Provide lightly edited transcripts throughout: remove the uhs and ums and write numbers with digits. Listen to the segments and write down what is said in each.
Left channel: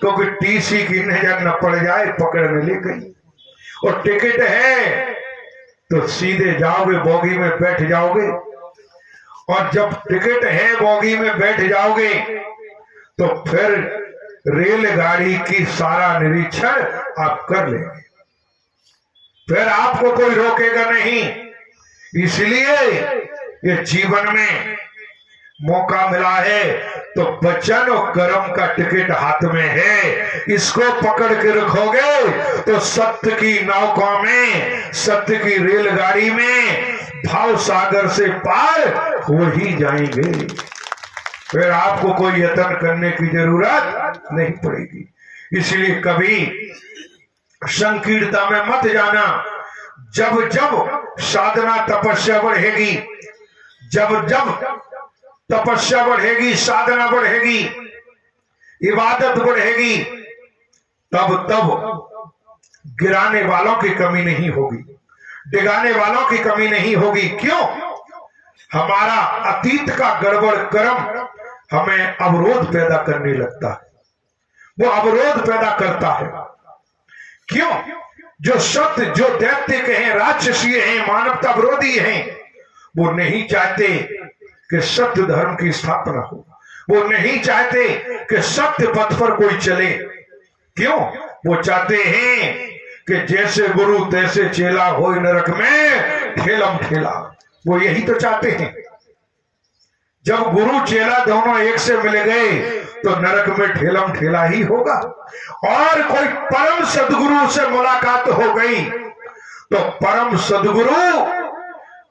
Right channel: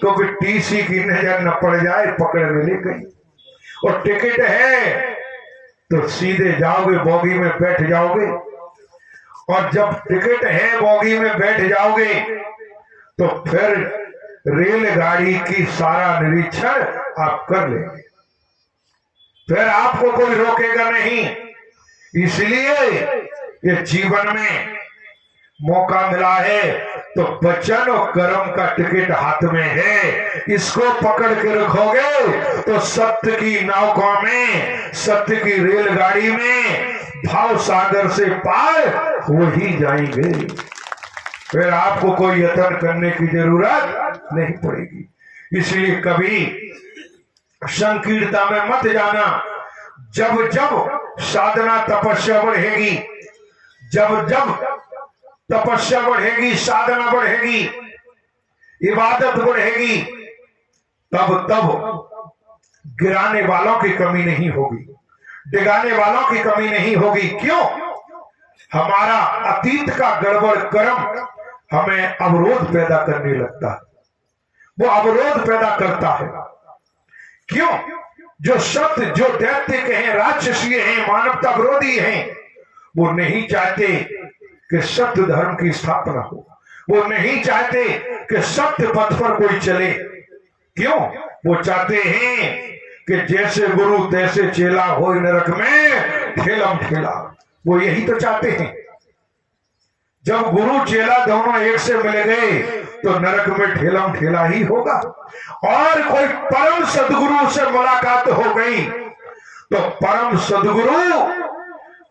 क्योंकि टीसी की नजर न पड़ जाए, पकड़ने ले गई। और टिकट है तो सीधे जाओगे, बोगी में बैठ जाओगे। और जब टिकट है, बोगी में बैठ जाओगे, तो फिर रेलगाड़ी की सारा निरीक्षण आप कर लेंगे, फिर आपको कोई रोकेगा नहीं। इसलिए ये जीवन में मौका मिला है तो वचन और कर्म का टिकट हाथ में है, इसको पकड़ के रखोगे तो सत्य की नौका में, सत्य की रेलगाड़ी में भाव सागर से पार हो ही जाएंगे। फिर आपको कोई यत्न करने की जरूरत नहीं पड़ेगी। इसलिए कभी संकीर्णता में मत जाना। जब जब साधना तपस्या बढ़ेगी, जब जब तपस्या बढ़ेगी, साधना बढ़ेगी, इबादत बढ़ेगी, तब तब गिराने वालों की कमी नहीं होगी, डिगाने वालों की कमी नहीं होगी। क्यों? हमारा अतीत का गड़बड़ कर्म हमें अवरोध पैदा करने लगता है, वो अवरोध पैदा करता है। क्यों? जो सत्य, जो दैत्य हैं, राक्षसीय हैं, मानवता विरोधी हैं, वो नहीं चाहते कि सत्य धर्म की स्थापना हो, वो नहीं चाहते कि सत्य पथ पर कोई चले। क्यों? वो चाहते हैं कि जैसे गुरु तैसे चेला हो नरक में ठेलम ठेला, वो यही तो चाहते हैं। जब गुरु चेला दोनों एक से मिल गए तो नरक में ठेलम ठेला ही होगा। और कोई परम सदगुरु से मुलाकात हो गई तो परम सदगुरु,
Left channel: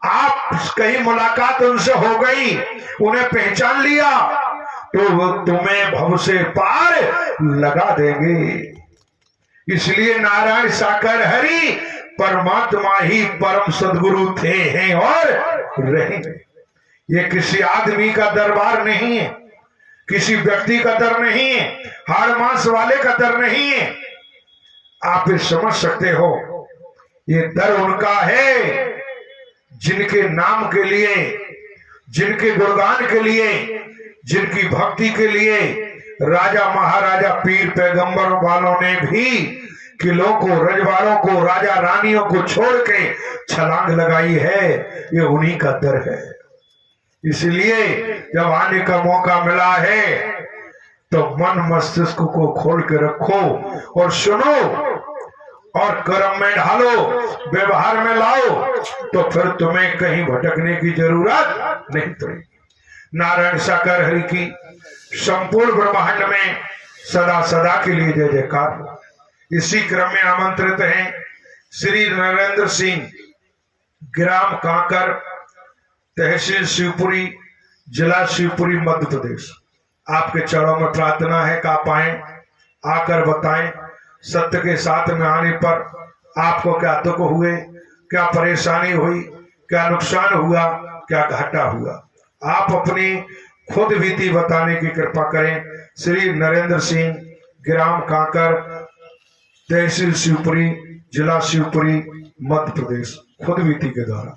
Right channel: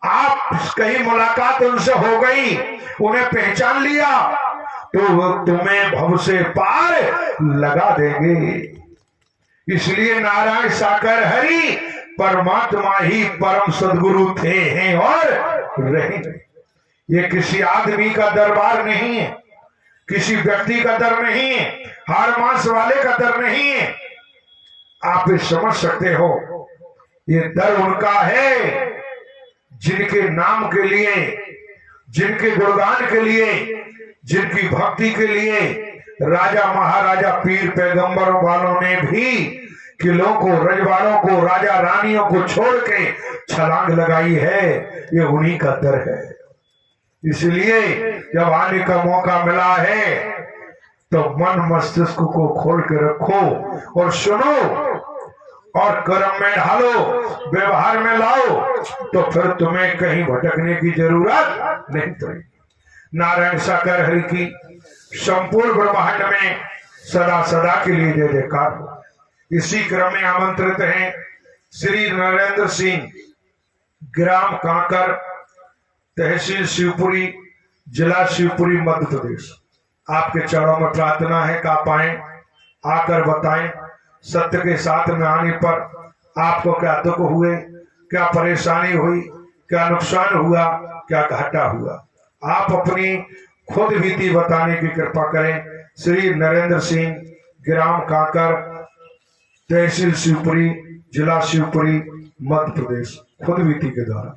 आप कहीं मुलाकात उनसे हो गई, उन्हें पहचान लिया, तो वो तुम्हें भव से पार लगा देंगे। इसलिए नारायण साकार हरि परमात्मा ही परम सदगुरु थे, हैं और रहेंगे। ये किसी आदमी का दरबार नहीं है, किसी व्यक्ति का दर नहीं है, हाड़ मांस वाले का दर नहीं है। आप ये समझ सकते हो, ये दर उनका है जिनके नाम के लिए, जिनके गुणगान के लिए, जिनकी भक्ति के लिए राजा महाराजा पीर पैगंबर वालों ने भी किलों को, रजवाड़ों को, राजा रानियों को छोड़ के छलांग लगाई है। ये उन्हीं का दर है। इसलिए जब आने का मौका मिला है तो मन मस्तिष्क को खोल के रखो और सुनो और कर्म में ढालो, व्यवहार में लाओ, तो फिर तुम्हें कहीं भटकने की जरूरत नहीं पड़ेगी। नारायण साकार हरि की संपूर्ण ब्रह्मांड में सदा सदा के लिए जय जयकार हो। इसी क्रम में आमंत्रित हैं श्री नरेंद्र सिंह, ग्राम कांकर, तहसील शिवपुरी, जिला शिवपुरी, मध्य प्रदेश। आपके चरणों में प्रार्थना है कि आप आए, आकर बताएं सत्य के साथ में आने पर आपको क्या दुख हुए, क्या परेशानी हुई, क्या नुकसान हुआ, क्या घाटा हुआ। आप अपनी खुद बीती बताने की कृपा करें। श्री नरेंद्र सिंह, ग्राम कांकर, तहसील शिवपुरी, जिला शिवपुरी, मध्य प्रदेश, खुद बीती के द्वारा।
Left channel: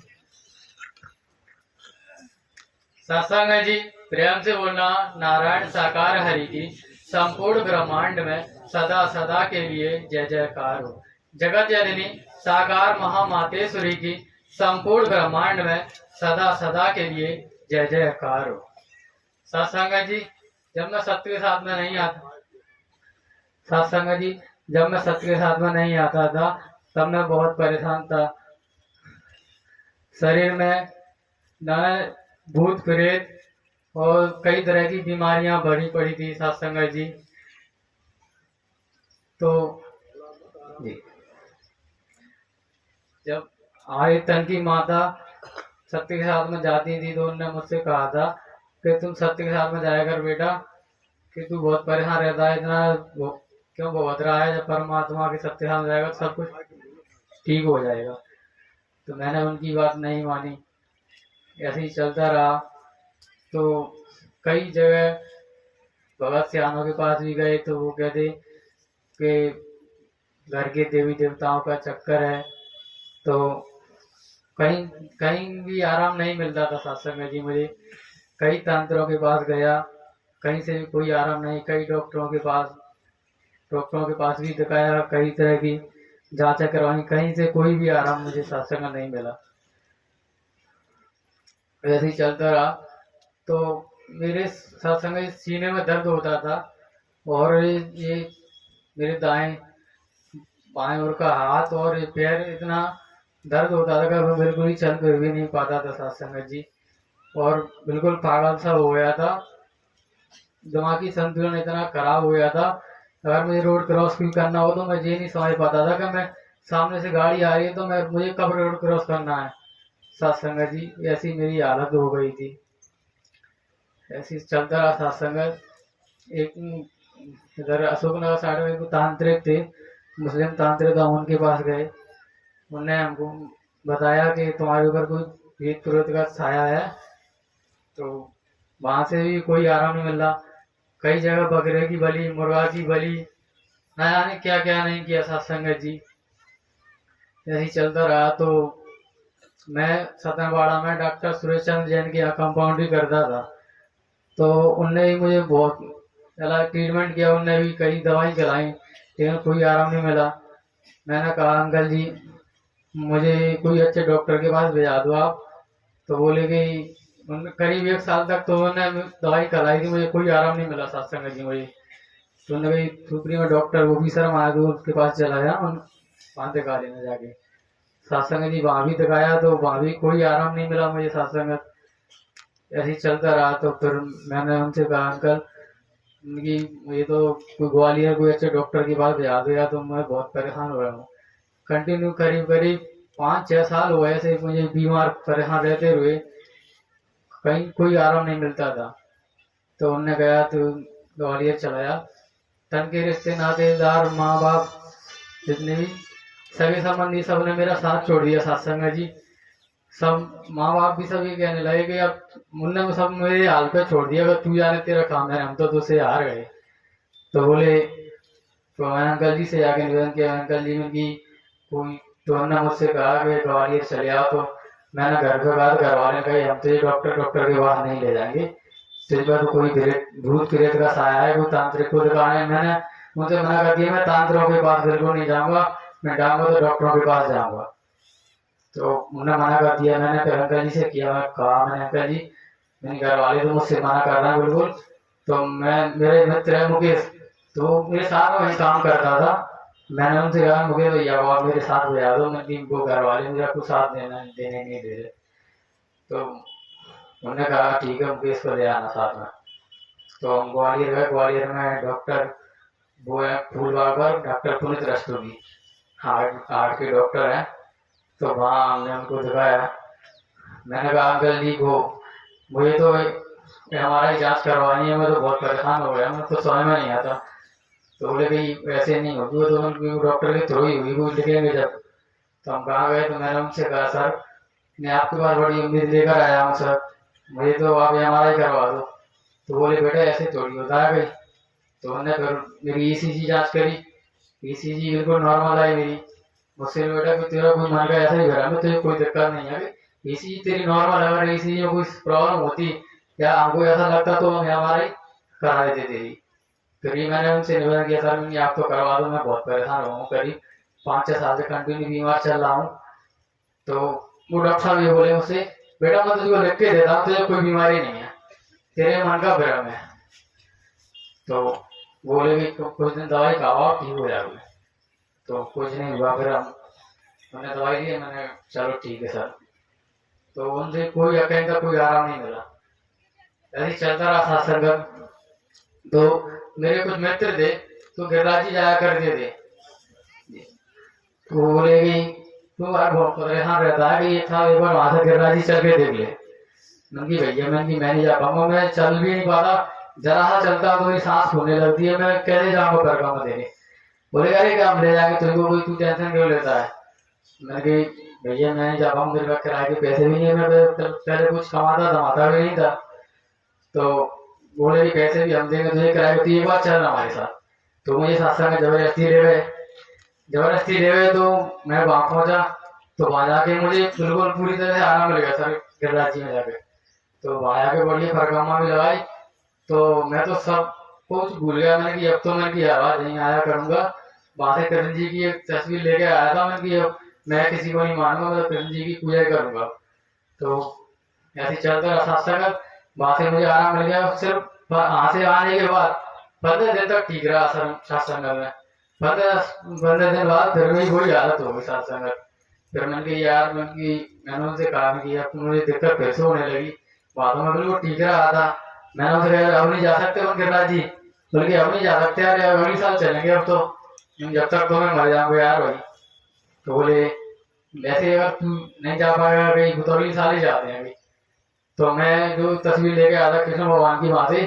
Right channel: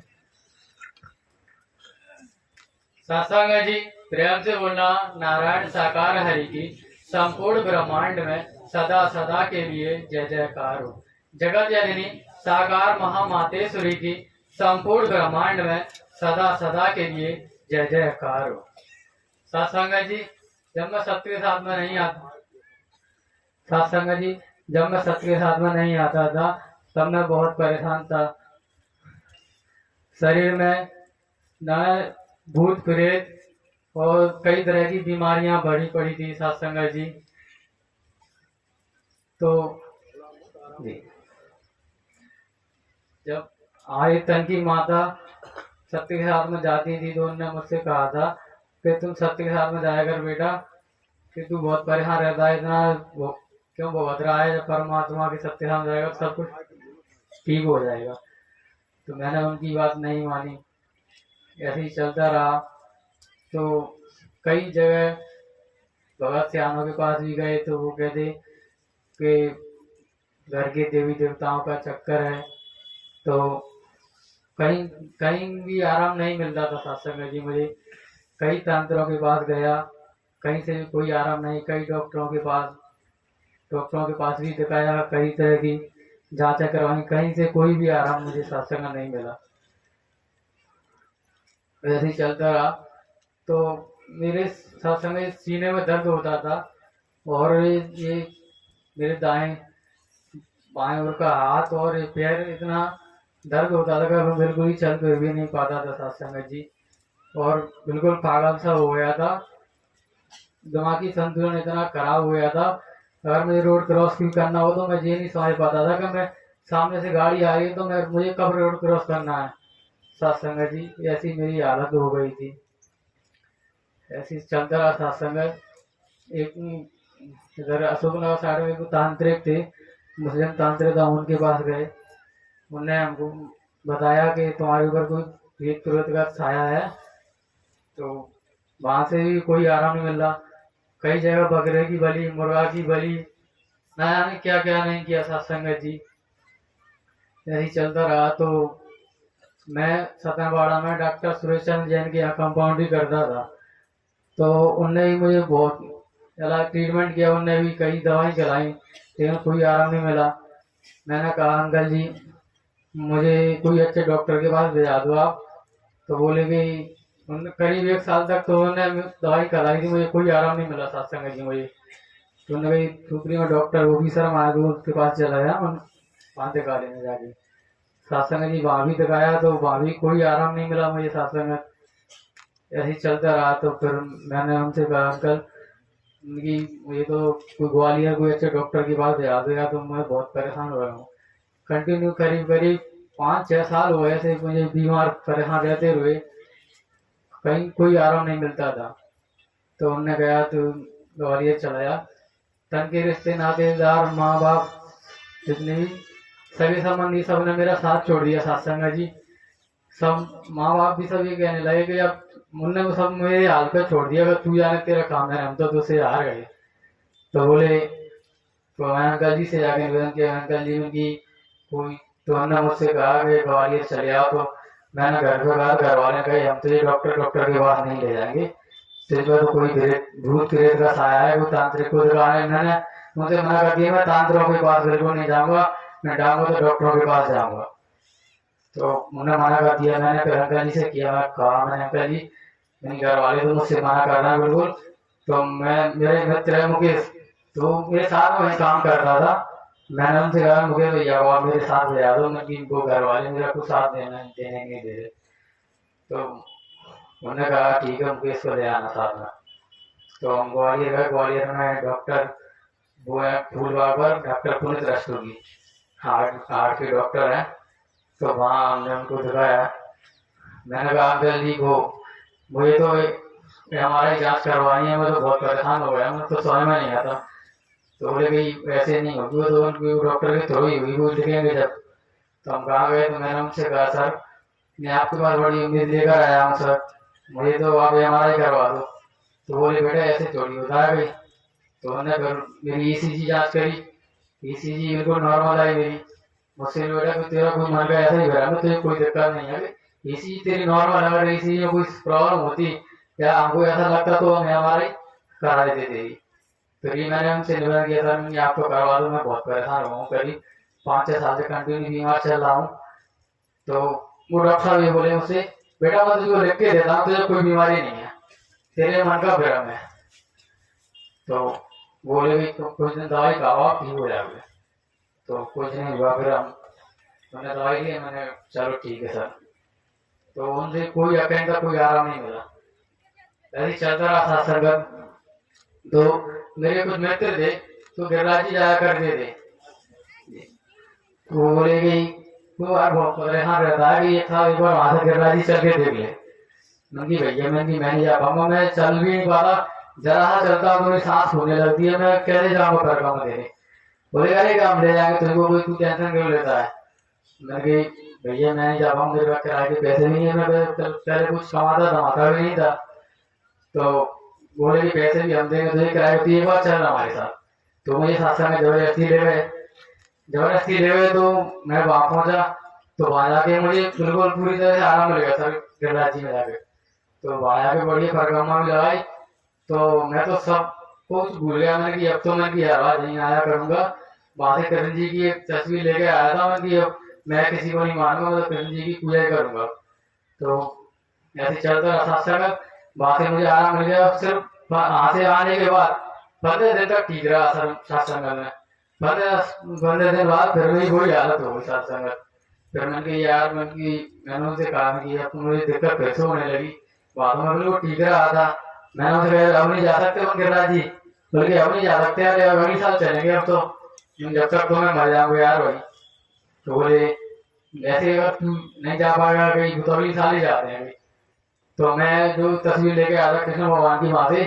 सत्संग जी, प्रेम से बोलना। नारायण साकार हरि की संपूर्ण ब्रह्मांड में सदा सदा के लिए जय जयकार हो। जगत जननी साकार महामातेश्वरी की संपूर्ण ब्रह्मांड में सदा सदा के लिए जय जयकार हो। सत्संग जी, जब मैं सत्य के साथ में नहीं आता, सत्संग जी, जब मैं सत्य के साथ में नहीं आता था तब मैं बहुत परेशान था। शरीर में न भूत प्रेत और कई तरह की बीमारियां बढ़ी पड़ी थी सत्संग जी। तो जी, जब आए तन की माता सत्य के साथ में जाती थी तो उन्होंने मुझसे कहा था कि तुम सत्य के साथ में जाया कर बेटा, कि तू बहुत परेशान रहता है, इतना क्यों भुगत रहा है, जब परमात्मा के सत्य के साथ जाएगा तो सब कुछ ठीक हो जाएगा। तो मैंने उनकी बात नहीं मानी, ऐसे ही चलता रहा। तो कई जगह भगत सियानों के पास भी गए तो वो कहते कि घर के देवी देवताओं का चक्कर है, तो कहीं कहीं भी आराम नहीं मिलता था सत्संग जी मुझे। कई तंत्रों के पास गया, कहीं से भी कोई आराम नहीं, कई डॉक्टरों के पास, डॉक्टरों के पास भी दिखाया, कई तरह की जांचें करवाई, कहीं से कोई भी आराम मुझे सत्संग में नहीं मिला। वैसे ही चलता रहा तो मेरे सत्संग में सीने में दर्द होता था, और ये मेरे दाएं बाएं ओर का हाथ और ये पैर इतना दर्द होता था कि मैं बिल्कुल ही चल फिर भी नहीं पाता था सत्संग जी। और बिल्कुल पागल सा हो गया था, दिमागी संतुलन इतना खराब हो गया था। अगर मुझे रोड क्रॉस भी करना हो तो मैं ये नहीं समझ पाता था कि मैं सामने से गाड़ी आ रही है तो मैं मुझे कब रोड क्रॉस करना है। सत्संग जी, ऐसी मेरी हालत हो गई थी। ऐसी चलता रहा सत्संग। एक इधर अशोकनगर साइड में एक तांत्रिक थे, मुस्लिम तांत्रिक, हम उनके पास गए। उनने हमको बताया कि तुम्हारे ऊपर कोई भूत प्रेत का छाया है। तो वहां से भी कोई आराम नहीं मिल रहा। कई जगह बकरे की बलि, मुर्गा की बलि, ना जाने क्या क्या नहीं किया सत्संग जी। यही चलता रहा तो मैं सतनवाड़ा में डॉक्टर सुरेश चंद्र जैन के यहाँ कंपाउंड्री करता था। तो उनने भी मुझे बहुत इलाज ट्रीटमेंट किया, उनने भी कई दवाई खिलाई, लेकिन कोई आराम नहीं मिला। मैंने कहा अंकल जी मुझे कोई अच्छे डॉक्टर के पास भेजा दो आप। तो बोले कि उन करीब 1 साल तक तो उन्होंने दवाई खिलाई थी, मुझे कोई आराम नहीं मिला सत्संग जी मुझे। तो उन्होंने कही सुप्री में डॉक्टर वो भी शर्मा आया तो उसके पास चला गया, उन वहाँ दिखा लेने जाके। सत्संग जी वहाँ भी दिखाया तो वहाँ भी कोई आराम नहीं मिला मुझे सत्संग। ऐसे ही चलता रहा तो फिर मैंने उनसे कहा अंकल कि मुझे तो कोई ग्वालियर कोई अच्छे डॉक्टर के पास भेजा दो, या तो मैं बहुत परेशान हो रहा हूँ। कंटिन्यू करीब करीब 5-6 साल हुए ऐसे मुझे बीमार परेशान रहते हुए, कहीं कोई आराम नहीं मिलता था। तो उनने कहा तो ग्वालियर चला जा। तन के रिश्ते नातेदार माँ बाप जितने भी सगे संबंधी सब ने मेरा साथ छोड़ दिया सत्संग जी। सब माँ बाप भी सब ये कहने लगे कि अब उनने सब मेरे हाल पे छोड़ दिया, अगर तू जाने तेरा काम है, हम तो तुझसे हार गए। तो बोले, तो मैंने अंकल जी से जाके निवेदन किया, अंकल जी उनकी कोई, तो उन्होंने मुझसे कहा कि ग्वालियर चले आओ। तो मैंने घर पे बात, घर वाले कहे हम तो ये डॉक्टर के पास नहीं ले जाएंगे, तेरे पर तो कोई भूत प्रेत का साया है, कोई तांत्रिक को दिखाना है। मैंने उनसे मना कर दिया, मैं तांत्रिकों के पास बिल्कुल नहीं जाऊंगा, मैं जाऊंगा तो डॉक्टरों के पास जाऊंगा। तो उन्होंने मना कर दिया। मैंने फिर अंकल जी से किया, मैं कहा मैंने अंकल जी मेरे घर वाले तो मुझसे मना कर रहे हैं बिल्कुल। तो मैं, मेरे मित्र है मुकेश, तो मेरे साथ में काम करता था। मैंने उनसे कहा मुकेश भैया को आप मेरे साथ भेजा दो, मैं वो घर वाले मेरा कुछ साथ देने नहीं दे रहे। तो उन्होंने कहा ठीक है मुकेश को ले आना साथ में। तो हम ग्वालियर गए। ग्वालियर में डॉक्टर वो है फूलबाग पर डॉक्टर पुनित रस्तोगी, हार्ट के डॉक्टर हैं। तो वहाँ हमने उनको दिखाया। मैंने कहा अंकल जी को मुझे तो हमारा जांच करवानी है, मैं तो बहुत परेशान हो गया, मुझको समझ में नहीं आता। तो बोले भाई वैसे नहीं होगी, वो तो उनकी डॉक्टर के थ्रू ही हुई, वो लिखेंगे जब। तो हम कहाँ गए, तो मैंने उनसे कहा सर मैं आपके पास बड़ी उम्मीद लेकर आया हूँ सर, मुझे तो आप MRI करवा दो। तो बोले बेटा ऐसे थोड़ी होता है भाई। तो उन्होंने फिर मेरी ECG जांच करी, ECG बिल्कुल नॉर्मल आई मेरी। मुझसे बेटा कोई तेरा कोई मन का ऐसा ही भरा, मैं तुझे कोई दिक्कत नहीं है, ECG तेरी नॉर्मल है, अगर ECG में कोई प्रॉब्लम होती या हमको ऐसा लगता तो हम MRI करा देते तेरी। फिर ये मैंने उनसे निवेदन किया सर नहीं आप तो करवा दो, मैं बहुत परेशान हूँ, करीब 5-6 साल से कंटिन्यू बीमार चल रहा हूँ। तो वो डॉक्टर साहब ये बोले मुझसे बेटा मैं तुझको लिख के देता हूँ, तुझे कोई बीमारी नहीं है, तेरे मन का भ्रम है। तो बोले भी कुछ दिन दवाई खाओ आप ठीक हो जाओगे। तो कुछ नहीं हुआ, फिर हम उन्होंने दवाई दी, मैंने चलो ठीक है सर। तो उनसे कोई कहीं का कोई आराम नहीं मिला। ऐसे चलता रहा सत्संग। तो मेरे कुछ मित्र थे तो गिरिराज जी जाया करते थे। तो वो बोले कि तू यार बहुत परेशान रहता है कि ये था, एक बार वहां से गिरिराज जी चल के देख ले। मैंने भैया मैं नहीं जा पाऊंगा, मैं चल भी नहीं पाता, जरा सा चलता तो मेरी सांस होने लगती है, मैं कैसे जाऊंगा परगामा देने। बोले अरे क्या हम ले जाएंगे तुमको, कोई तू टेंशन क्यों लेता है। मैंने कही भैया मैं नहीं जा पाऊंगा, मेरे पास किराए के पैसे भी नहीं है, मैं पहले कुछ कमाता धमाता भी नहीं था। तो बोले कि पैसे भी हम देंगे तुझे किराए की, एक बार चलना हमारे साथ। तो मुझे सत्संग में जबरदस्ती ले गए। तो मैं वहां पहुंचा। तो वहां जाके मुझे बिल्कुल पूरी तरह से आराम मिल गया सर गिरिराज जी में जाके। तो वहां जाके बढ़िया परिक्रमा भी लगाई। तो मैं तो सब कुछ भूल गया मैंने कि अब तो मैं कि आवाज नहीं आया करूंगा। बातें कृष्ण जी की एक तस्वीर लेके आया था मैं कि अब मैं किसी को नहीं मानूंगा, मतलब कृष्ण जी की पूजा ही करूंगा। तो ऐसे चलता रहा सत्संग। वहां से मुझे आराम मिल गया। सिर्फ वहां से आने के बाद 15 दिन तक ठीक रहा सत्संग में। 15 दिन बाद फिर मेरी वही हालत हो गई सत्संग। फिर मैंने कहा यार, मैंने उनसे कहा कि अब तो मुझे दिक्कत फिर से होने लगी। बातों में बिल्कुल ठीक रहा था। मैंने उनसे कहा अब नहीं जा सकते गिरिराज जी, बल्कि अब नहीं जा सकते यार, अगले साल चलेंगे अब तो, जब तक तो मैं मर जाऊंगा यार भाई। तो बोले ऐसे अगर तू नहीं जा पाएगा कहीं तो अगले साल ही जाते हैं अभी। तो मैं जो तस्वीर लेके आया था कृष्ण भगवान की वहां से,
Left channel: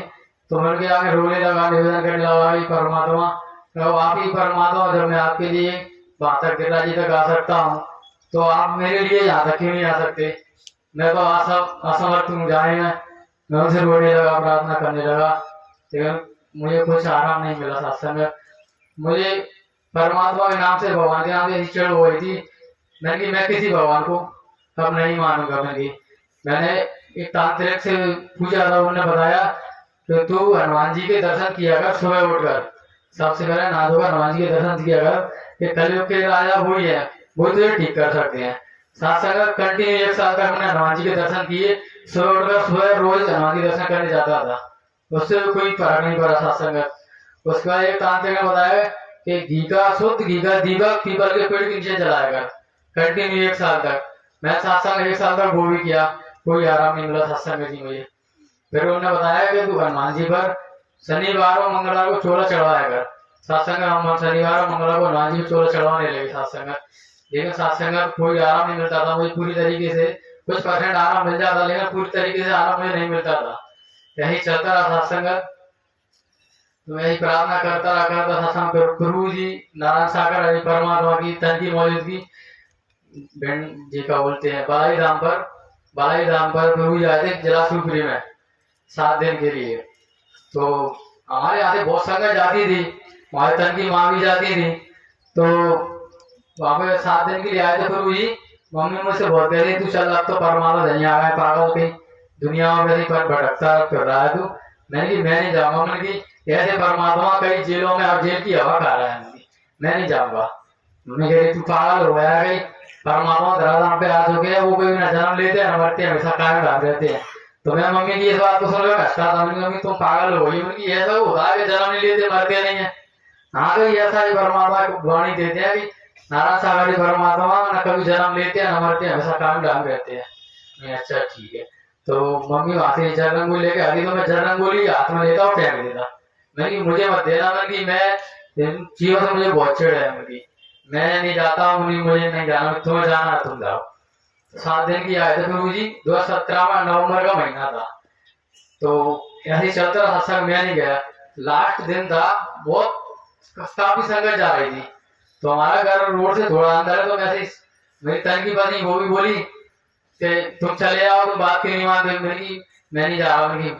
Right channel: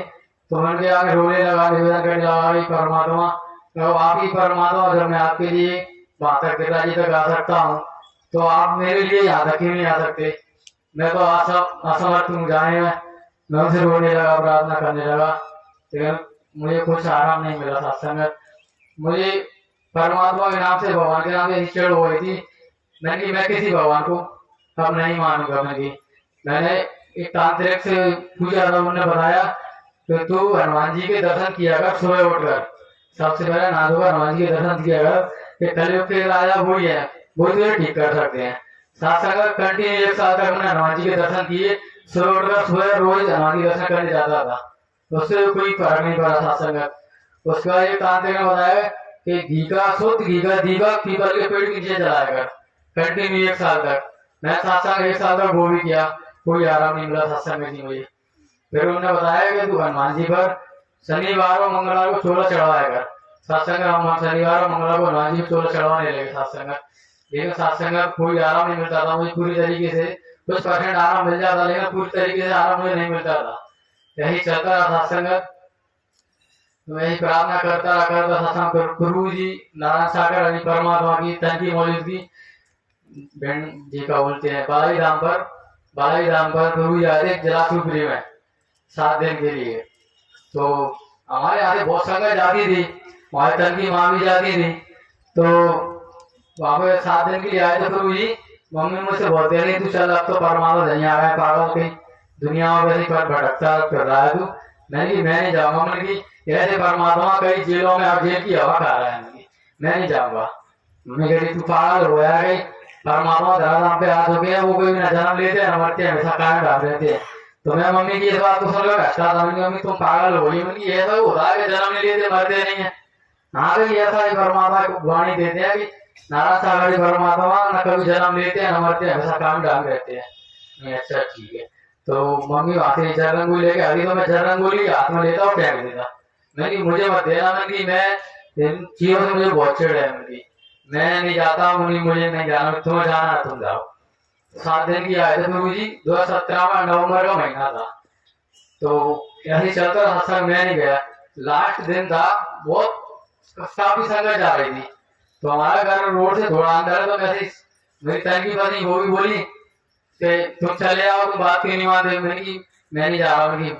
तो मैंने कहा आगे रोने लगा, निवेदन करने लगा कि परमात्मा, तो आप ही परमात्मा, जब मैं आपके लिए वहां तक गिरिराज जी तक आ सकता हूँ तो आप मेरे लिए यहाँ तक क्यों नहीं आ सकते? मैं तो असमर्थ हूँ जाने में। मैं उनसे रोने लगा, प्रार्थना करने लगा, लेकिन मुझे कुछ आराम नहीं मिला सत्संग में। मुझे परमात्मा के नाम से, भगवान के नाम से ऐसी चिढ़ हो गई थी। मैंने कि मैं किसी भगवान को अब नहीं मानूंगा। मैंने एक तांत्रिक से पूछा था, उन्होंने बताया कि तू हनुमान जी के दर्शन किया कर सुबह उठकर, सबसे पहले नहा धोकर हनुमान जी के दर्शन किया कर, कि कलयुग के राजा वही है, वही तुझे ठीक कर सकते हैं। सत्संग कंटिन्यू 1 साल तक मैंने हनुमान जी के दर्शन किए। सुबह उठकर सुबह रोज हनुमान जी के दर्शन करने जाता था, उससे कोई फर्क नहीं पड़ा सत्संग। उसके बाद एक तांत्रिक ने बताया कि घी का, शुद्ध घी का दीपक पीपल के पेड़ के नीचे जलाया कर, कंटिन्यू 1 साल तक। मैं सत्संग 1 साल तक वो भी किया, कोई आराम नहीं मिला सत्संग में जी मुझे। फिर उन्होंने बताया कि तू हनुमान जी पर शनिवार और मंगलवार को चोला चढ़वाया कर। सत्संग हम शनिवार और मंगलवार को हनुमान जी को चोला चढ़वाने लगे सत्संग। लेकिन सत्संग कोई आराम नहीं मिलता था मुझे पूरी तरीके से। कुछ परसेंट आराम मिल जाता, लेकिन पूरी तरीके से आराम मुझे नहीं मिलता था। यही चलता रहा सत्संग। तो मैं यही प्रार्थना करता सत्संग। प्रभु जी नारायण सागर हरि परमात्मा की तन की मौजूदगी बहन जी का बोलते हैं बालाई धाम पर प्रभु जी आते जलाशुपुरी में 7 दिन के लिए। तो हमारे यहाँ से बहुत संगत जाती थी, हमारे तन की माँ भी जाती थी। तो वहां पे 7 दिन के लिए आए थे प्रभु जी। मम्मी मुझसे बहुत कह रही तू चल, अब तो परमात्मा नहीं आ गए, पागल कहीं दुनिया में वैसे पर भटकता फिर रहा है तू। मैंने कि मैं नहीं जाऊंगा। मैंने कि ऐसे परमात्मा कई जेलों में, अब जेल की हवा खा रहा है, मैं नहीं जाऊंगा। मम्मी कह रही तू पागल हो गया, कहीं परमात्मा धराधाम पे आ चुके हैं, वो कोई न जन्म लेते हैं न मरते हैं, हमेशा कायम रहते हैं। तो मैं मम्मी की इस बात को सुनकर हंसता था। मम्मी तुम पागल हो गई। उनकी ऐसा होता है कि जन्म नहीं लेते मरते नहीं है। हाँ तो ऐसा ही परमात्मा को वाणी देते हैं कि नारायण सागरी परमात्मा न कभी जन्म लेते हैं न मरते हैं, हमेशा कायम डाम रहते हैं। मैं अच्छा ठीक है। तो मम्मी वहां से जरंगोली लेके आती, तो मैं जरंगोली हाथ में लेता और फेंक देता। मैंने मुझे मत देना, मैंने मैं इन चीजों से मुझे बहुत चिढ़ है। मैं नहीं जाता, मुझे नहीं जाना, तुम्हें जाना है तुम जाओ। 7 दिन की आए थे प्रभु जी। 2017 में नवंबर का महीना था। तो ऐसे चलता रहा सत्संग, मैं नहीं गया। लास्ट दिन था, बहुत काफी संगत जा रही थी। तो हमारा घर रोड से थोड़ा अंदर है। तो वैसे मेरी तन की पत्नी वो भी बोली कि तुम चले आओ, तुम बात क्यों नहीं मानते? मैं नहीं जा रहा हूँ,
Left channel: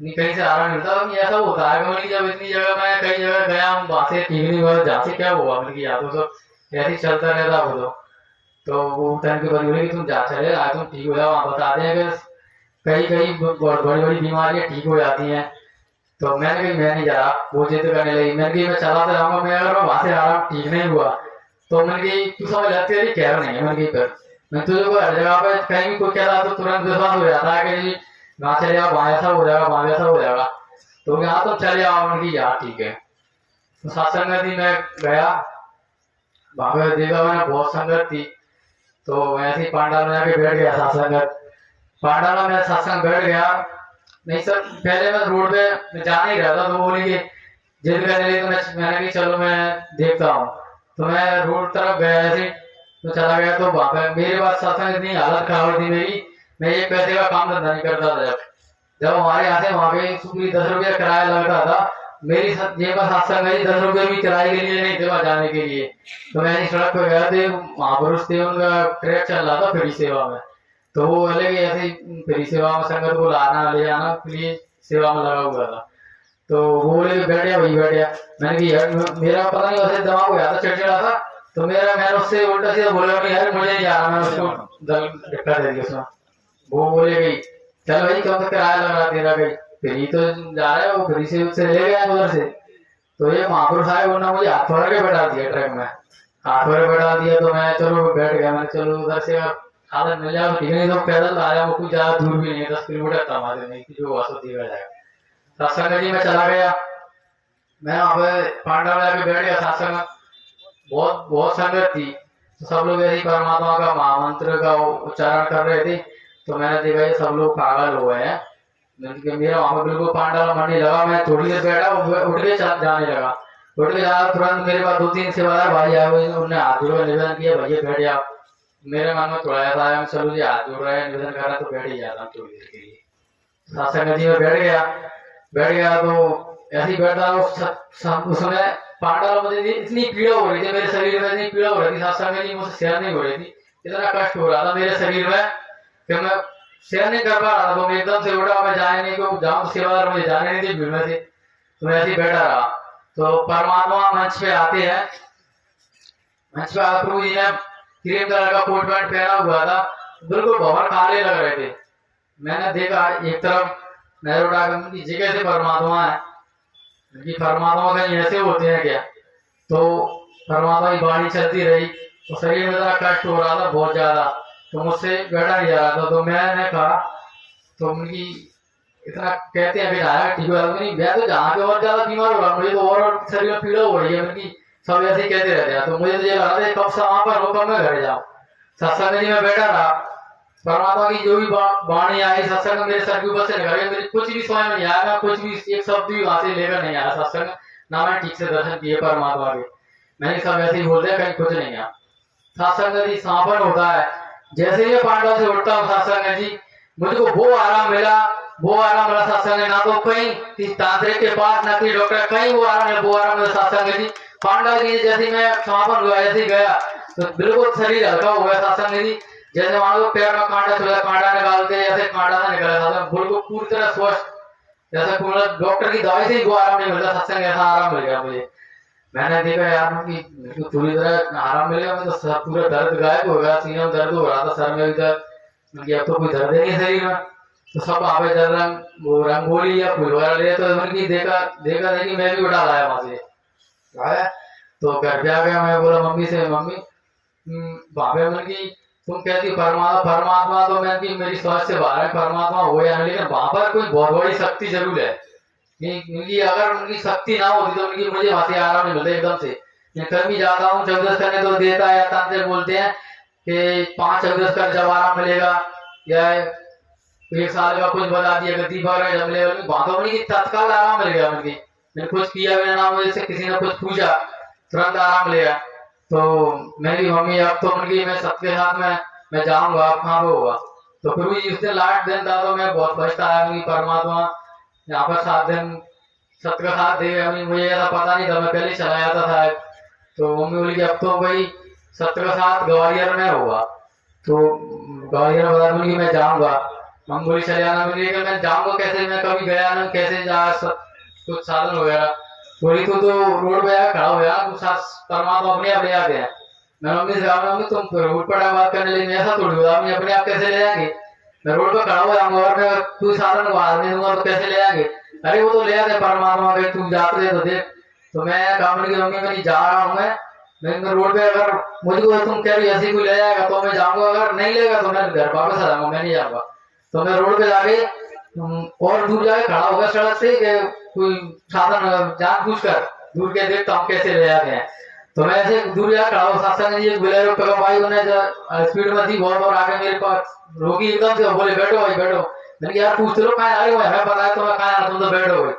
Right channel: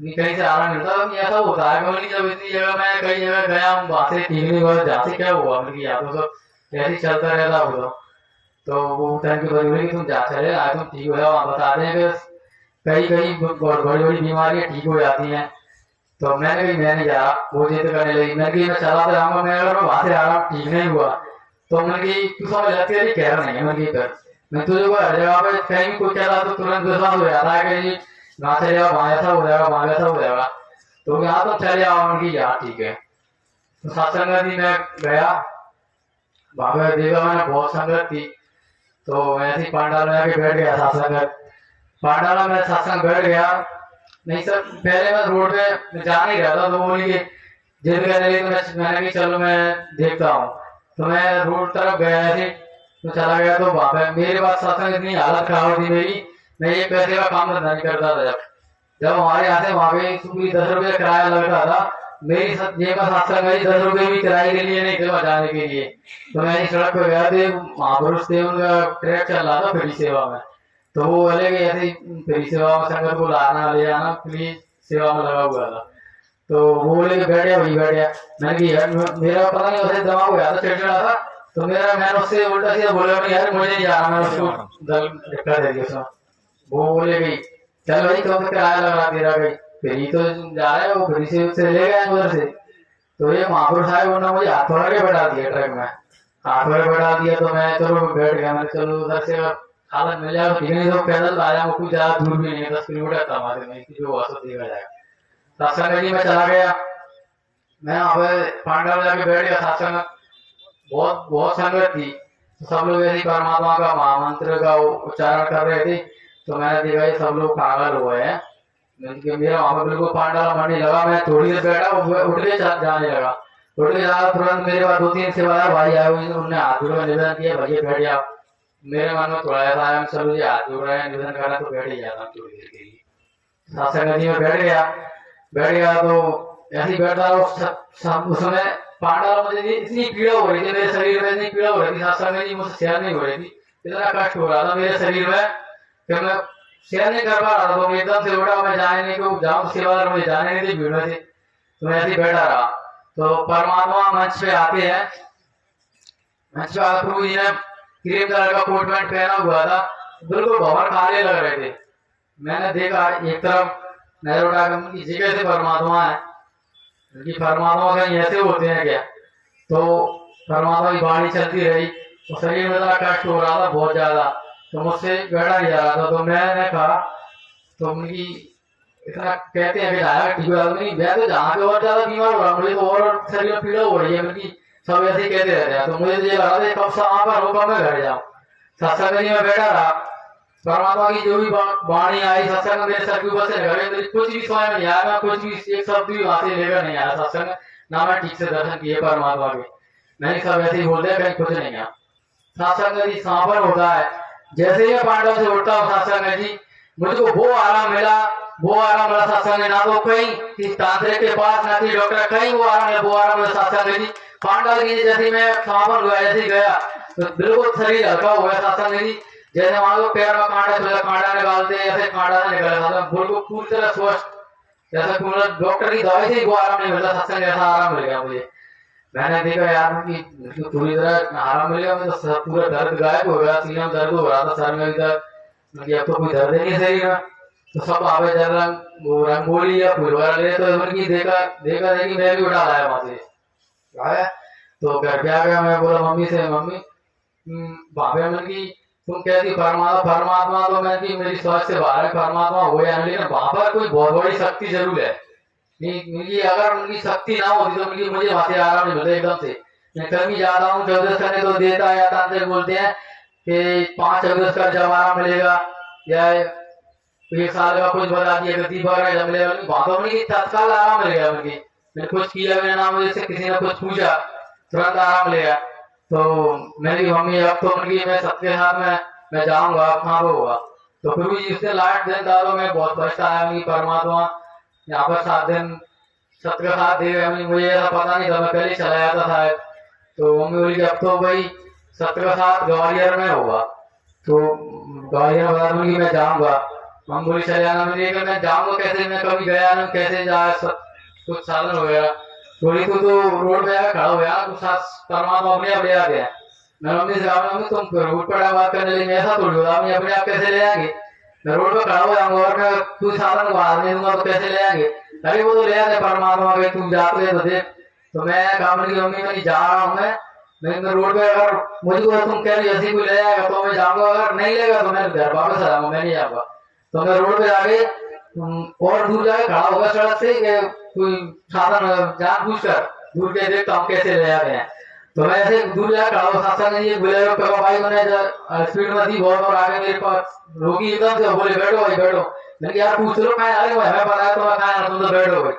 कहीं से आराम मिलता। ऐसा होता है कि जब इतनी जगह मैं कई जगह गया हूँ, वहां से ठीक नहीं हुआ, जहाँ से क्या हुआ या तो सब ऐसे ही चलता रहता हो। तो वो तन की पत्नी बोली कि तुम जा चले आए, तुम ठीक हो जाओ। वहां बताते हैं कि कई कई बड़ी बड़ी बीमारियां ठीक हो जाती हैं। तो मैंने कही मैं नहीं जा, वो जिद करने लगी। मैंने कही मैं चला तो जाऊंगा, मैं अगर वहां से आराम ठीक नहीं हुआ तो मैंने कही तू समझ जाती है कह रहा नहीं है। मैंने कही फिर मैं तुझे को हर जगह पे कहीं भी कोई कहता तो तुरंत विश्वास हो जाता है कि वहां चले जाओ, वहां ऐसा हो जाएगा, वहां ऐसा हो जाएगा। तो यहाँ तो चले जाओ। मैंने कही यहाँ ठीक है। तो सत्संग भी मैं गया, वहां पे देखा मैंने बहुत संगत थी। तो ऐसे ही पांडाल में जाके बैठ गया सत्संग। पांडाल में सत्संग बैठ गया। नहीं सर, पहले मैं रोड पे मैं जाने ही रहता। तो बोली कि जिद कर रही, तो मैंने कही चलो मैं देखता हूँ। तो मैं रोड तरफ गया ऐसे, तो चला गया। तो वहां पे मेरे पास सत्संग इतनी हालत खराब थी मेरी, मैं 1 पैसे का काम धंधा नहीं करता था। जब हमारे यहाँ से वहां पे पूरी 10 रुपये किराया लगता था, मेरी जेब में सत्संग मेरी 10 रुपये भी किराए के लिए नहीं थे जाने के लिए। तो मैंने सड़क पर गया थे, महापुरुष थे, उनका ट्रैक चल रहा था फ्री सेवा में। तो वो बोले कि ऐसे फ्री सेवा में संगत को लाना ले जाना फ्री सेवा में लगा हुआ था। तो वो बोले कि बैठे वही बैठे। मैंने कि यार मेरा पता नहीं वैसे दिमाग हो जाता, चिड़चिड़ा था। तो मैंने उससे उल्टा सीधा बोला नहीं यार मुझे नहीं जाना, मैं उसको दल धक्का दे दिया उसमें। वो बोले गई चल भाई कब तक किराया लगा तेरा गई, फिर ये तो जा रहे हो, फिर से उससे ले गए उधर से। तो ये महापुरुष आए, उन्होंने मुझे हाथ पकड़ के बैठा दिया ट्रक में, हाथ पकड़ के बैठा दिया। तो मैं चलो बैठ गया, मैंने चलो उधर से साधन मिल जाए तो ठीक है, नहीं तो पैदल आया, वो कुछ ज्यादा दूर भी नहीं है, 10 किलोमीटर था हमारे में, जो हुआ सो देखा जाएगा। सत्संग जी में चला गया, मैं वहां पे पांडा में जाके बैठ गया। सत्संग बहुत बहुत संगत थी, तो सब लोग ऐसे ही परमात्मा का महामंत्र का उच्चारण कर रहे थे। तो मैंने देखा ये सब लोग पागल हुए हैं, मेरा वहां पर बिल्कुल पांडा का मन नहीं लगा। मैं थोड़ी देर बैठा, उठ के जाने लगा, उठ के जाना तुरंत मेरे पास 2-3 सेवादार भाई आए हुए, उन्होंने हाथ जोड़ निवेदन किया, भैया बैठ जाओ। मेरे मन में थोड़ा ऐसा आया, चलो जी हाथ जोड़ रहा है, निवेदन कर रहा है, तो बैठ ही जाता थोड़ी देर के लिए। सत्संग जी में बैठ गया तो ऐसे ही बैठा उसमें पांडा मुझे इतनी पीड़ा हो रही थी, मेरे शरीर में इतनी पीड़ा हो रही थी, सत्संग जी मुझसे शेयर नहीं हो रही थी, इतना कष्ट हो रहा था मेरे शरीर में कि मैं शेयर नहीं कर पा रहा था। तो मैं एकदम से उठा, मैं जाने नहीं को जाऊँ, सेवादार मुझे जाने नहीं थी भीड़ में से, तो मैं ऐसे ही बैठा रहा। तो परमात्मा मंच पे आते हैं, मंच पे आकर प्रभु जी ने क्रीम कलर का कोट पैंट पहना हुआ था, बिल्कुल भंवर खाने लग रहे थे। मैंने देखा एक तरफ नजर उठा कर, उनकी जगह से परमात्मा है, उनकी परमात्मा कहीं ऐसे होते हैं क्या? तो परमात्मा की वाणी चलती रही, तो शरीर में इतना कष्ट हो रहा था बहुत ज्यादा, तो मुझसे बैठा नहीं जा रहा था। तो मैंने कहा, तो उनकी इतना कहते हैं कि जाएगा ठीक हो जाएगा, नहीं मैं तो जहाँ पे और ज्यादा बीमार हो रहा हूँ, मुझे तो और शरीर में पीड़ा हो रही है उनकी, सब ऐसे ही कहते रहते हैं। तो मुझे तो ये लगा था कब से वहां पर हो, कब मैं घर जाऊँ। सत्संग जी में बैठा रहा, परमात्मा की जो भी वाणी आई सत्संग मेरे सर के ऊपर से निकल गई, मेरी कुछ भी समझ में नहीं आया, मैं कुछ भी एक शब्द भी वहां से लेकर नहीं आया सत्संग, ना मैं ठीक से दर्शन किए परमात्मा के। मैंने सब ऐसे ही बोल दिया, कहीं कुछ नहीं आया। सत्संग जी समापन होता है, जैसे ही पांडव से उठता हूँ सत्संग जी, मुझको वो आराम मिला, वो आराम मिला सत्संग, ना तो कहीं तांत्रिक के पास, ना कि डॉक्टर, कहीं वो आराम मिला, वो आराम मिला सत्संग जी। पांडव जी जैसे मैं समापन हुआ ऐसे ही गया, तो बिल्कुल शरीर हल्का हुआ सत्संग जी, जैसे मान लो पैर में कांटा छुआ, कांटा निकालते ऐसे कांटा से निकला था, बिल्कुल पूरी तरह स्वस्थ, जैसे डॉक्टर की दवाई से ही वो आराम नहीं मिलता, सत्संग ऐसा आराम मिल गया मुझे। मैंने देखा यार कि पूरी तरह आराम मिलेगा, तो पूरा दर्द गायब हो गया, सीने में दर्द हो रहा था, सर में भी दर्द, अब तो कोई दर्द नहीं शरीर में। तो सब वहां पे जब रंगोली या फूल वगैरह ले, तो उनकी देखा देखी मैं भी उठा लाया वहां से आया। तो घर पे आ गया, मैं बोला मम्मी से, मम्मी भाभी मन की तुम कहती परमात्मा तो मैं की मेरी समझ से बाहर है, परमात्मा हो या नहीं, लेकिन वहां पर कोई बहुत बड़ी शक्ति जरूर है। उनकी अगर उनकी शक्ति ना होती तो उनकी मुझे वहां से आराम नहीं मिलता एकदम से। मैं कभी जाता हूँ चौदस करने, तो देता है तांत्रिक बोलते हैं कि 5 चौदस कर जब आराम मिलेगा, या 1 साल का कुछ बता दिया गति पर जब मिलेगा, वहां तो उनकी तत्काल आराम मिल गया। उनकी मैंने कुछ किया, मेरा नाम मुझे से किसी ने कुछ पूछा, तुरंत आराम मिलेगा। तो मेरी मम्मी अब तो उनकी मैं सबके साथ में मैं जाऊंगा, आप कहाँ पे होगा। तो फिर भी जिस दिन लास्ट दिन था, तो मैं बहुत फर्स्ट आया उनकी परमात्मा यहाँ पर 7 दिन सत्य का साथ देगा। मुझे ऐसा पता नहीं था, मैं पहले चला जाता था। तो मम्मी बोली कि अब तो भाई सत्य का साथ ग्वालियर में होगा, तो ग्वालियर बता दूंगी मैं जाऊंगा। मम्मी बोली चले जाना, मुझे मैं जाऊंगा कैसे, मैं कभी गया नहीं, कैसे जा कुछ साधन वगैरह। बोली तो रोड पे खड़ा हो गया, कुछ परमात्मा अपने आप ले आ गया। मैं मम्मी से कहा, मम्मी तुम रोड पर बात करने लगी, ऐसा थोड़ी होगा, मम्मी अपने आप कैसे ले आएंगे, मैं रोड पर खड़ा हो जाऊंगा और मैं कोई साधन को हाथ नहीं दूंगा तो कैसे ले आएंगे। अरे वो तो ले आते परमात्मा के, तुम जाते तो देख। तो मैं कहा मम्मी मैं नहीं जा रहा हूँ, मैं रोड पे अगर मुझको तुम कह रही ऐसी कोई ले जाएगा तो मैं जाऊंगा, अगर नहीं लेगा तो मैं घर वापस आ जाऊंगा, मैं नहीं जाऊंगा। तो मैं रोड पे जाके और दूर जाके खड़ा होगा सड़क से, कोई साधन जानबूझ कर दूर के देखता हूँ कैसे ले जाते हैं। तो मैं ऐसे दूर जाकर खड़ा हुआ, सत्संग जी बोले पिकअप आई, उन्हें स्पीड में थी बहुत, और आगे मेरे पास रोकी एकदम से, बोले बैठो भाई बैठो। मैंने यार पूछ लो कहाँ आ रहे हो, मैं पता है तुम्हें कहाँ, तुम तो बैठो भाई।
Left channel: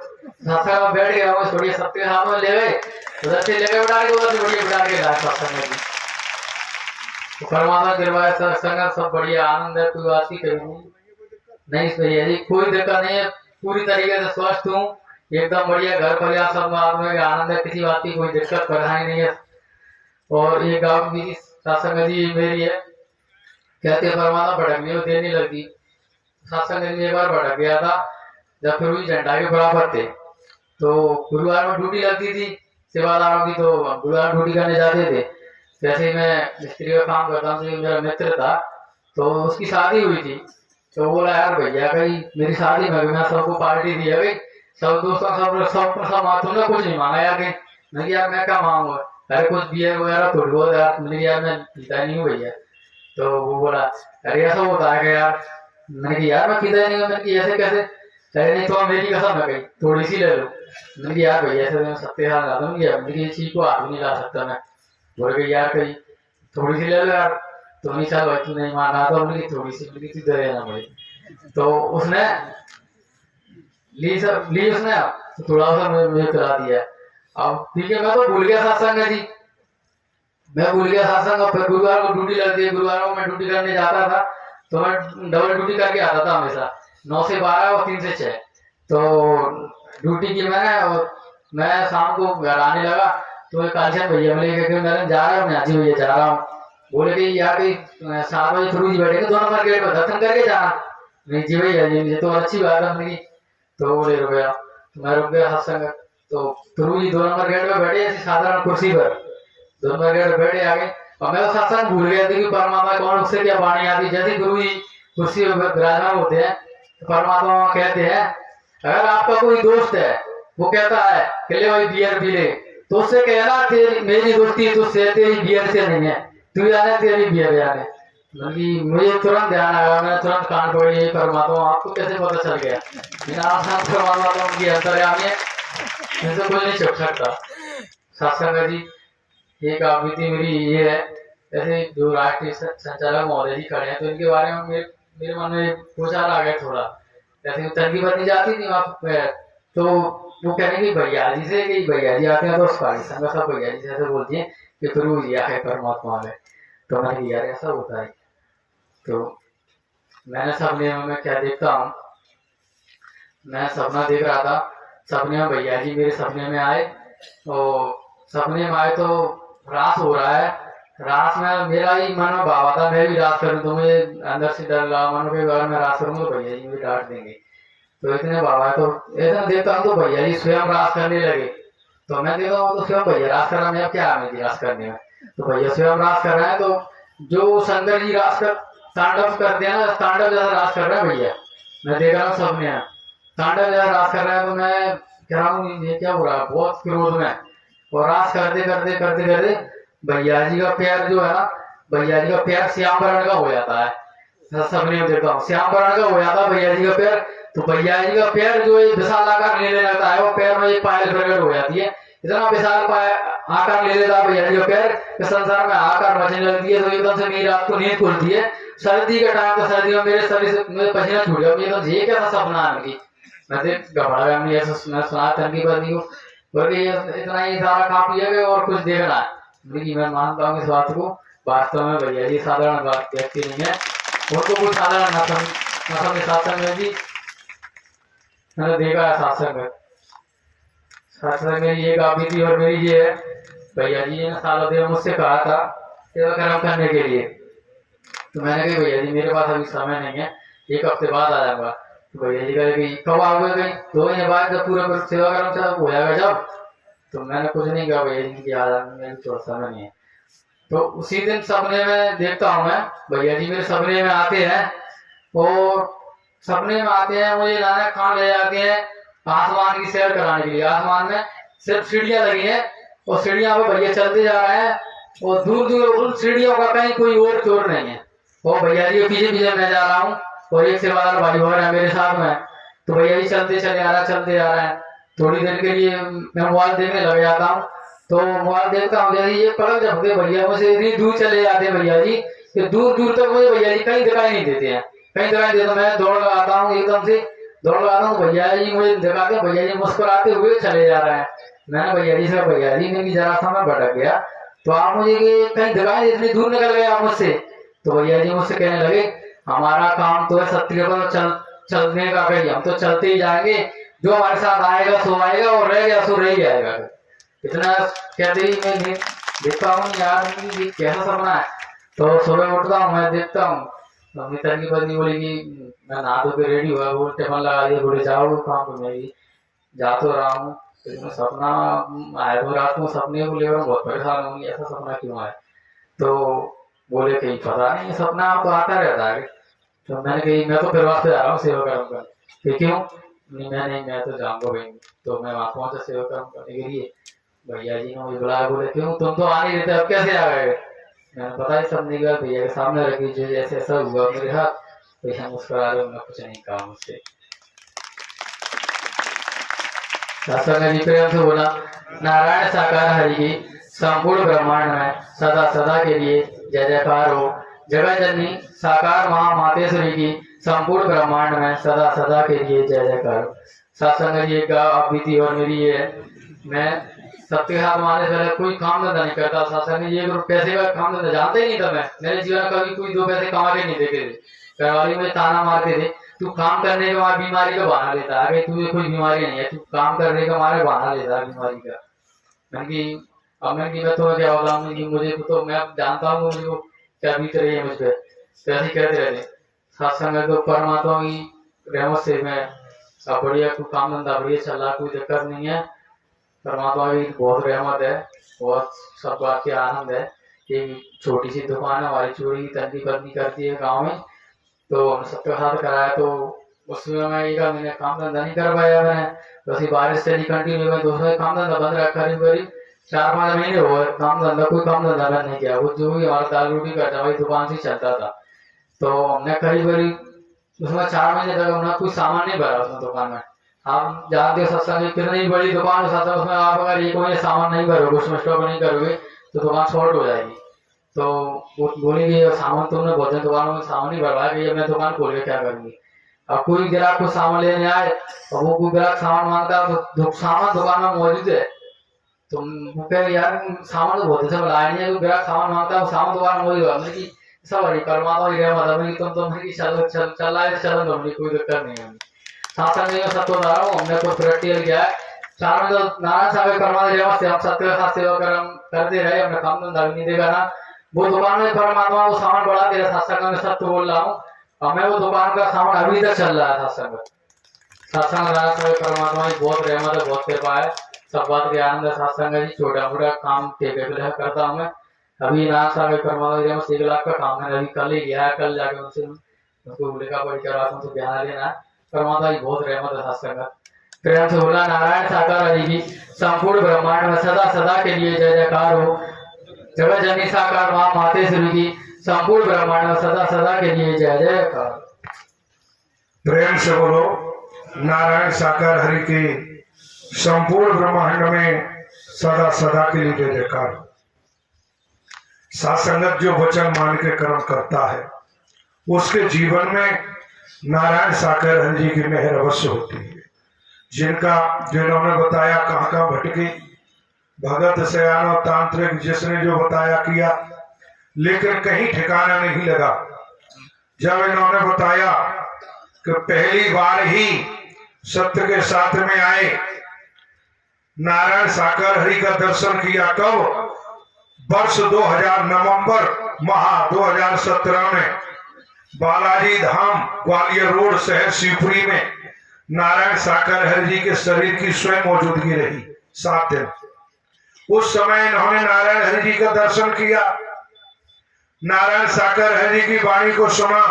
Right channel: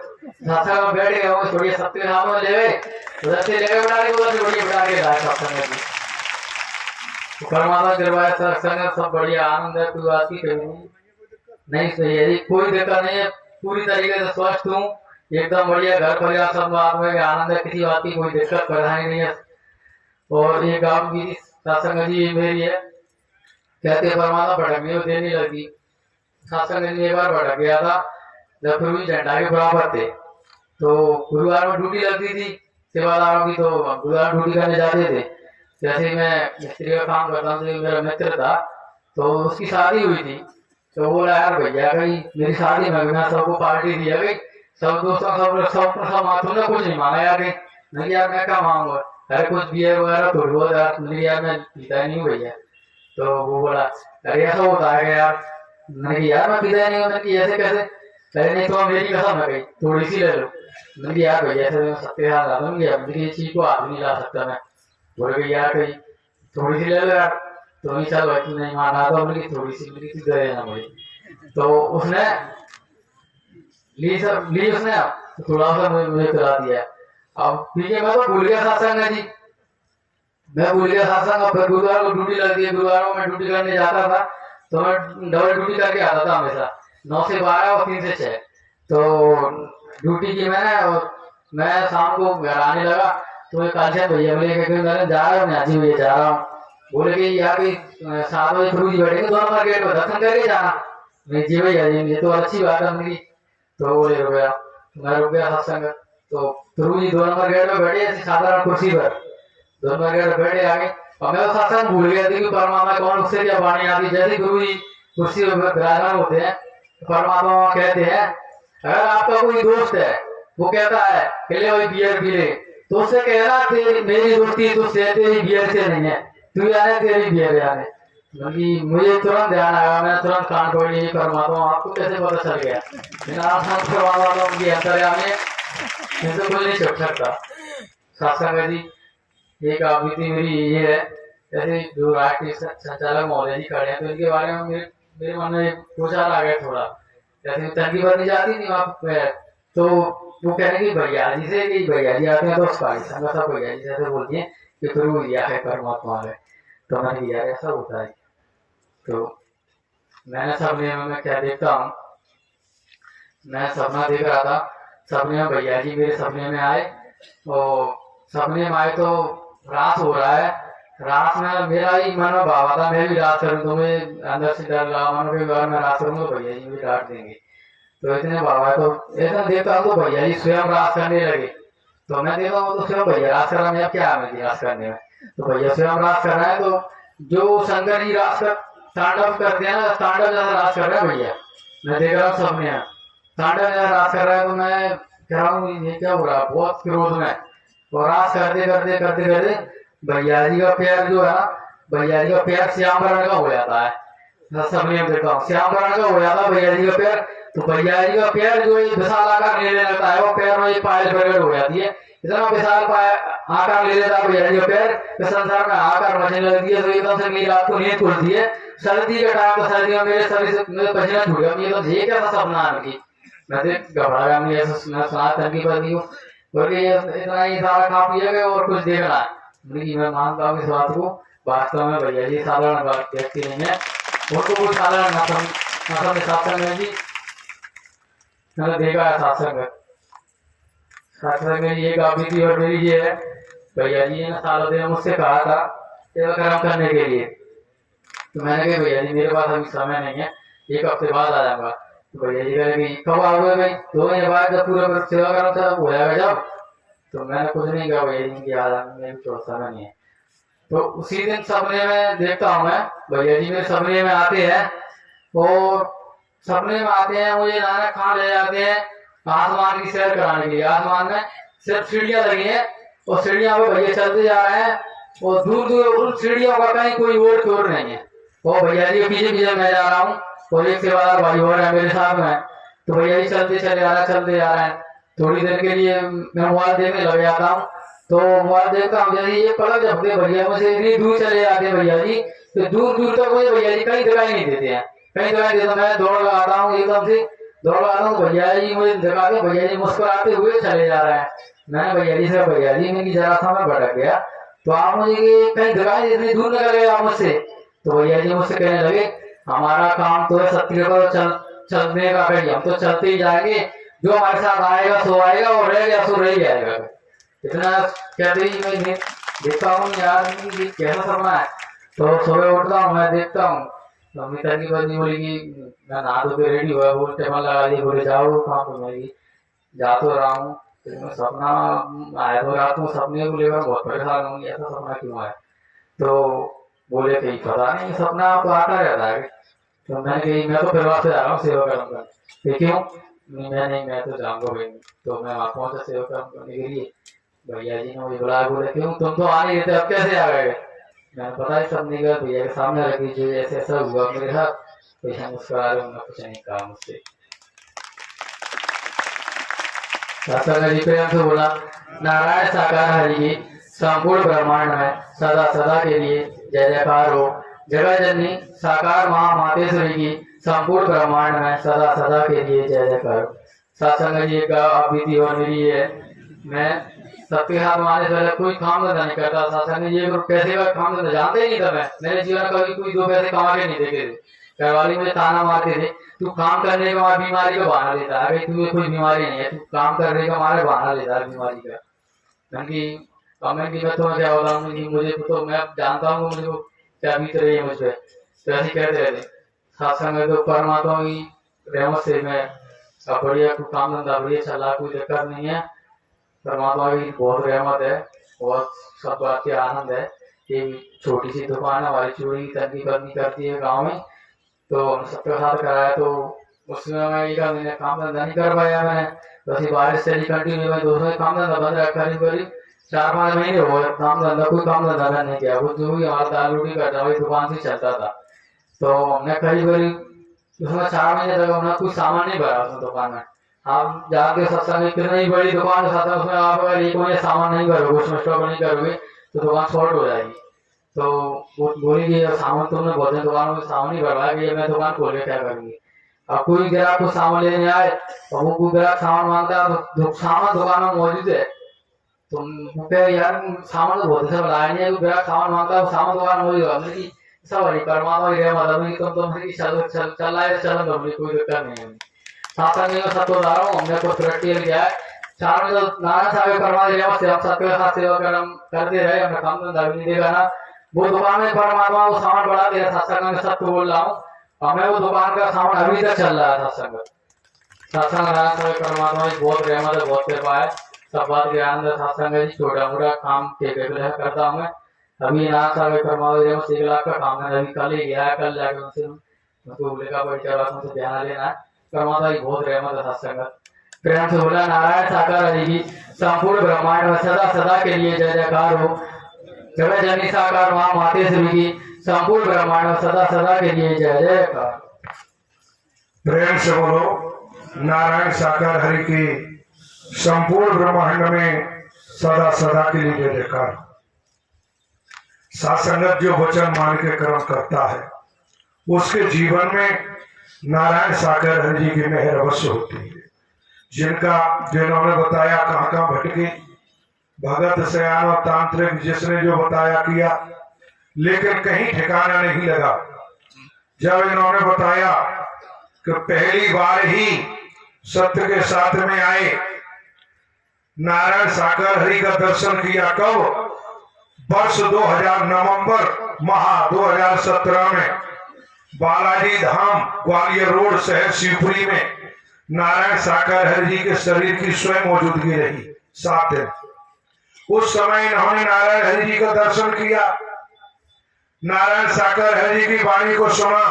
सत्संग में बैठ गया, मैं छोड़िए सत्य के सामने ले गए, उधर से ले गए बिठा के, उधर से बढ़िया बिठा के लाए सत्संग जी। तो परमात्मा करवाए सत्संग, सब बढ़िया आनंद है, कोई बात नहीं सही है जी, कोई दिक्कत नहीं है, पूरी तरीके से स्वस्थ हूँ एकदम बढ़िया, घर परिवार सब में आनंद है, किसी बात की कोई दिक्कत परेशानी नहीं है। और ये गाँव की सत्संग जी मेरी है, कहते परमात्मा भड़क गई, देने लगी। सत्संग जी एक बार भड़क गया था, जब फिर भी झंडा के बराबर थे, तो गुरुवार में ड्यूटी लगती थी सेवादारों की, तो गुरुवार ड्यूटी करने जाते थे। जैसे मैं मिस्त्री का काम करता हूँ, तो मेरा मित्र था, तो उसकी शादी हुई थी। तो बोला यार भैया भाई मेरी शादी में मैं सबको पार्टी दी है भाई, सब दोस्तों सब तुमने कुछ नहीं मांगा यार भाई। मैंने कहा, यार मैं क्या मांगूंगा, अरे कुछ बियर वगैरह थोड़ी बहुत यार। मैंने कहा, यार मैं पीता ही नहीं हूँ भैया। तो वो बोला अरे ऐसा होता है क्या यार। मैंने कहा यार मैं पीता ही नहीं हूँ। मैंने कहा ऐसे कैसे, अरे नहीं तो मेरी कसम है भाई थोड़ी सी ले लो। मैंने कहा यार भैया ऐसे तो मैं सत्य हाथ आता हूँ, मैंने कहा ये चीज को हाथ नहीं ला सकता मैं। बोले कि यार कहीं थोड़ी सी ले लो यार। तो नहीं चल भाई तू नहीं मांगा तो हमने कहा थोड़ी सी, मैंने कहा तू दे देना भाई। तो उसने ली उसने, तो थोड़ा सा मुझे पिला दिया। अब ठीक है मैं तो भूल गया सत्संग जी, मैं भूल गया सत्संग। और फिर गुरुवार को ड्यूटी लगती है, गुरुवार को मैं ड्यूटी करने जाता था, तो मैं डबल ड्यूटी करके आता था हमेशा, 9 से 12 और 3 से 6। तो ड्यूटी की मैंने, और मैं शाम को घर आने लगा तो एक कालचंद भैया मिले कि मैं जा रहा हूँ, मैं हाजी भैया जा रहा हूँ। बोले कि यार कि 7 बजे गुरु जी बैठेंगे 2 नंबर गेट पर, दर्शन करके जाना। नहीं जी भैया जी ये तो अच्छी बात है मेरी। तो बोले रुक गया, तो मैं रुक गया सत्संग। तो गुरु जी 2 नंबर गेट पे बैठे ऐसी साधारण कुर्सी पर, 2 नंबर गेट पे बैठे आगे। और मैं तो सत्संग भूल गया था कि परमात्मा कौन, उससे क्या वाणी आती। जैसे गुरु जी कुर्सी पर विराजमान होते हैं तो परमात्मा कहते हैं अगर आपका कोई दोस्त है वो कहता है कि ले भाई बियर पी ले, तो उससे कहना तेरी मेरी दोस्ती तुझसे, तेरी बियर से नहीं है, तू जाने तेरी बियर जाने। मतलब मुझे तुरंत ध्यान आया, मैं तुरंत कान पकड़ी ये परमात्मा आपको कैसे पता चल गया। बिना परमात्मा की अंतर्यामी है, इनसे कोई नहीं छुप सकता। सत्संग जी एक आवृत्ति मेरी ये है, ऐसे जो राष्ट्रीय संचालक महोदय जी खड़े हैं तो इनके बारे में मेरे मन में विचार आ गया थोड़ा। जैसे तंगी बदली जाती थी वहाँ पे, तो वो कह रहे कि भैया जी से, कि भैया जी आते हैं तो पाकिस्तान का सब भैया जी से ऐसे बोलती हैं कि गुरु जी है परमात्मा है। तो मैंने कहा यार ऐसा होता है। तो मैंने सपने में क्या देखता हूँ, मैं सपना देख रहा था, सपने में भैया जी मेरे सपने में आए। और सपने में आए तो रास हो रहा है, रास में मेरा ही मन में भाव था मैं भी रास करूं, तो मुझे अंदर से डर लगा मन के बारे में रास करूंगा तो भैया जी मुझे डांट देंगे। तो इतने भाव है, तो इतना देखता हूँ तो भैया जी स्वयं रास करने लगे। तो मैं देखता हूँ तो स्वयं भैया रास कर रहा हूँ, क्या है मेरी रास करने में। तो भैया स्वयं रास कर रहे हैं, तो जो शंकर जी रास कर तांडव करते हैं ना, तांडव जैसा रास कर रहे हैं भैया, मैं देख रहा हूँ सपने में तांडव जैसा रास कर रहे हैं। तो मैं कह रहा हूँ ये क्या हो रहा है, बहुत क्रोध में। और रास करते करते करते करते भैया जी का पैर जो है ना, भैया जी का पैर श्याम वर्ण का हो जाता है। सपने में देखता हूँ श्याम वर्ण का हो जाता है भैया जी का पैर। तो भैया जी का पैर जो एक विशाल आकार लेने लगता है, वो पैर में एक पायल प्रकट हो जाती है, इतना विशाल आकार ले लेता है भैया जी का पैर कि संसार में आकार बचने लगती है। तो एकदम से मेरी रात को नींद खुलती है, सर्दी के टाइम तो सर्दी में मेरे शरीर से मेरे पसीना छूट गया, एकदम ये कैसा सपना है उनकी। मैं देख घबरा गया, मैं सुना तंगी बंदी को बोले इतना ही सारा खा पिया गया और कुछ देखना है। मैं मानता हूँ इस बात को, वास्तव में भैया जी साधारण व्यक्ति नहीं है, उनको कुछ साधारण न सत्संग में जी मैंने देखा है। सत्संग में एक आवृत्ति और मेरी ये है, भैया जी ने सालों दिन मुझसे कहा था सेवा कर्म करने के लिए। तो मैंने कहा भैया जी मेरे पास अभी समय नहीं है, 1 हफ्ते बाद आ जाऊंगा। तो भैया जी कहे कब आओगे भाई, 2 महीने बाद जब पूरा सेवा कर्म हो जाएगा जब। तो मैंने कुछ नहीं कहा भैया जी की आ जाएंगे, थोड़ा समय नहीं है। तो उसी दिन सपने में देखता हूँ मैं, भैया जी मेरे सपने में आते हैं, और सपने में आते हैं मुझे नानक खान ले जाते हैं आसमान की सैर कराने के लिए। आसमान में सिर्फ सीढ़ियां लगी हैं और सीढ़ियां पे भैया चलते जा रहे हैं, और दूर दूर उन सीढ़ियों का कहीं कोई और चोर नहीं है। और भैया जी पीछे पीछे मैं जा रहा हूँ, और एक सेवादार भाई और है मेरे साथ में। तो भैया जी चलते चले आ रहे हैं, चलते आ रहे हैं। थोड़ी देर के लिए मैं मोबाइल देखने लग जाता हूँ, तो मोबाइल देखता हूँ जैसे ये पलक झपके भैया मुझे इतनी दूर चले जाते हैं भैया जी, तो दूर दूर तक मुझे भैया जी कहीं दिखाई नहीं देते हैं, कहीं दिखाई नहीं देते। मैं दौड़ लगाता हूँ, एकदम से दौड़ लगाता हूँ तो भैया जी मुझे दिखा के भैया जी मुस्कुराते हुए चले जा रहे हैं। मैंने भैया जी से भैया जी मेरी जरा सा मैं भटक गया, तो आप मुझे कहीं दिखाई इतनी दूर निकल गए आप मुझसे। तो भैया जी मुझसे कहने लगे हमारा काम तो है सत्य पर चलने का, कहीं हम तो चलते ही जाएंगे, जो हमारे साथ आएगा सो आएगा और रह गया सो रह जाएगा। इतना कहते ही मैं देखता हूँ यार ये कैसा सपना है। तो सुबह उठता हूँ मैं देखता हूँ, मम्मी तंगी बंदी बोलेगी मैं नहा धो के रेडी हुआ, वो टेबल लगा दिया, बोले जाओ काम तो मैं जा तो रहा हूँ। तो सपना आया तो रात को सपने को लेकर बहुत परेशान होंगी, ऐसा सपना क्यों आया। तो बोले कहीं पता नहीं सपना तो आता रहता है। तो मैंने कही मैं तो परिवार से आ रहा हूँ सेवा कर्म करने। कि क्यों? नहीं मैं तो जाऊंगा भाई। तो मैं वहां पहुंचा सेवा कर्म करने के लिए। भैया जी ने मुझे बुलाया, बोले क्यों तुम तो आ नहीं रहे थे, अब कैसे आ गए? मैंने पता ही सब नहीं किया, भैया के सामने रखी जो जैसे ऐसा हुआ मेरे साथ। भैया मुस्कुरा रहे, मैं कुछ नहीं कहा मुझसे। सत्संग जी प्रेम से बोला, नारायण साकार हरि की संपूर्ण ब्रह्मांड में सदा सदा के लिए जय जयकार हो। जगत जननी साकार मां मातेश्वरी की संपूर्ण ब्रह्मांड में सदा सदा के लिए जय जयकार हो। सत्संग जी का अब बीती और मेरी ये है, मैं सबके हाथ मारने से पहले कोई काम धंधा नहीं करता। सत्संग जी पैसे का काम धंधा जानते ही नहीं था मैं। मेरे जीवन में कभी कोई 2 पैसे कमा के नहीं देते थे। घरवाली मुझे ताना मारते थे, तू काम करने का वहां बीमारी का बहाना लेता है, तुझे कोई बीमारी नहीं है, तू काम करने का हमारे बहाना लेता है बीमारी का। मैंने कि अब मैं तो क्या बोला, मुझे तो मैं जानता हूँ मुझे क्या बीत रही है मुझ पर। तो ऐसे कहते रहते सत्संग तो परमात्मा की रहमत से मैं अब बढ़िया, कोई काम धंधा बढ़िया चल रहा, कोई दिक्कत नहीं है। परमात्मा की बहुत रहमत है, बहुत सब बात के आनंद है। कि छोटी सी दुकान है हमारी, चूड़ी तंगी बदनी करती है गाँव में, तो सबके साथ कराया। तो उसमें मैं एक महीने काम धंधा नहीं कर पाया मैंने। वैसे बारिश चली कंटिन्यू, मैं दूसरा काम धंधा बंद रखा, करीब 4-5 महीने हो गए काम धंधा, कोई काम धंधा बंद नहीं किया। वो जो भी हमारा दाल रोटी का दवाई दुकान से चलता था। तो हमने करीब उसमें 4 महीने तक हमने कोई सामान नहीं भरा उसमें दुकान में। आप जानते सत्संग कितनी बड़ी दुकान के साथ, उसमें आप अगर 1 महीने सामान नहीं भरोगे, उसमें स्टॉक नहीं करोगे तो दुकान शॉर्ट हो जाएगी। तो वो बोलेगी सामान तुमने बहुत दुकान में सामान नहीं भरवा कि मैं दुकान खोल के क्या करूंगी। अब कोई ग्राहक को सामान लेने आए और वो कोई ग्राहक सामान मांगता है तो सामान दुकान में मौजूद है, तुम कह यार सामान तो बहुत सब लाए नहीं, ग्राहक सामान मांगता है वो सामान दुकान में मौजूद है। कि सब बड़ी परमात्मा ही मतलब तुम तो चल आए चलो, कोई दिक्कत नहीं है। शासन में सबको बता रहा हूँ, हमने कुछ प्रैक्टिकल किया है। 4 में तो नारायण साहब परमात्मा से हम सबके साथ सेवा करते रहे, हमने काम धंधा नहीं देखा ना। वो दुकान में परमात्मा वो सामान बढ़ा दे रहा, सत्संग में सब तो बोल रहा हूँ। हमें वो दुकान का सामान अभी तक चल रहा है। सत्संग नारायण साहब परमात्मा की बहुत रहमत है, बहुत कृपा है। सब बात के आनंद सत्संग जी, छोटा मोटा काम टेके करता हूँ मैं। अभी नारायण साहब परमात्मा 1 लाख का काम है, अभी कल ही गया है, कल जाके उनसे उनको लेखा परीक्षा बात उनसे ध्यान लेना है। परमात्मा की बहुत रहमत है सत्संग। प्रेम से बोला, नारायण साकार हरि की संपूर्ण ब्रह्मांड में सदा सदा के लिए जय जयकार हो। जगत जननी साकार मां मातेश्वरी की संपूर्ण ब्रह्मांड में सदा सदा के लिए जय जयकार। प्रेम से बोलो, नारायण साकार हरि की संपूर्ण ब्रह्मांड में सदा सदा के लिए जय जयकार। सासंगत जो वचन मान के कर्म करता है उसके जीवन में नारायण साकार हरि जी की मेहर अवश्य होती है। जिन्होंने बताया कहां कहां भटके, भगत सयानो तांत्रिक जिसने जो बताया किया, लेकिन कहीं ठिकाना नहीं लगा। जब इन्होंने बताया कि पहली बार ही सत्य के साथ में आए, नारायण साकार हरि का दर्शन किया, कब? वर्ष 2000 नवंबर माह 2017 में बालाजी धाम ग्वालियर रोड शहर शिवपुरी में नारायण साकार हरि जी के शरीर की स्वयं मौजूदगी रही 7 दिन। उस समय इन्होंने नारायण हरि जी का दर्शन किया, नारायण साकार हरि जी की वाणी को सुना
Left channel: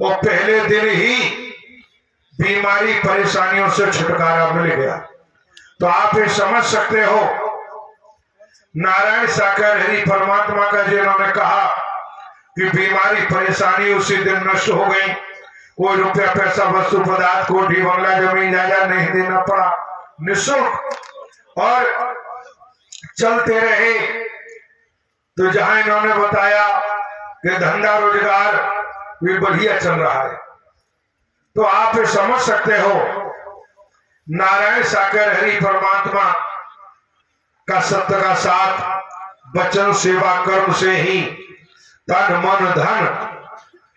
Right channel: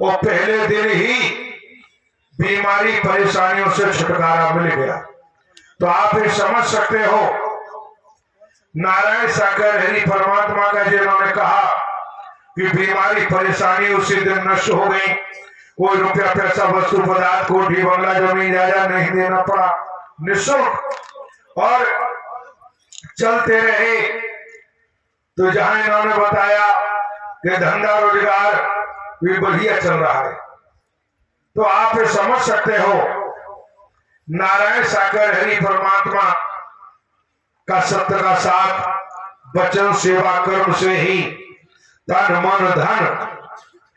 और पहले दिन ही बीमारी परेशानियों से छुटकारा मिल गया। तो आप ये समझ सकते हो, नारायण साकार हरि परमात्मा का जिन्होंने कहा कि बीमारी परेशानी उसी दिन नष्ट हो गई, कोई रुपया पैसा वस्तु पदार्थ कोठी बंगला जमीन जायदाद नहीं देना पड़ा, निःशुल्क और चलते रहे। तो जहां इन्होंने बताया कि धंधा रोजगार भी बढ़िया चल रहा है, तो आप ये समझ सकते हो नारायण साकार हरि परमात्मा का सत्य का साथ वचन सेवा कर्म से ही तन मन धन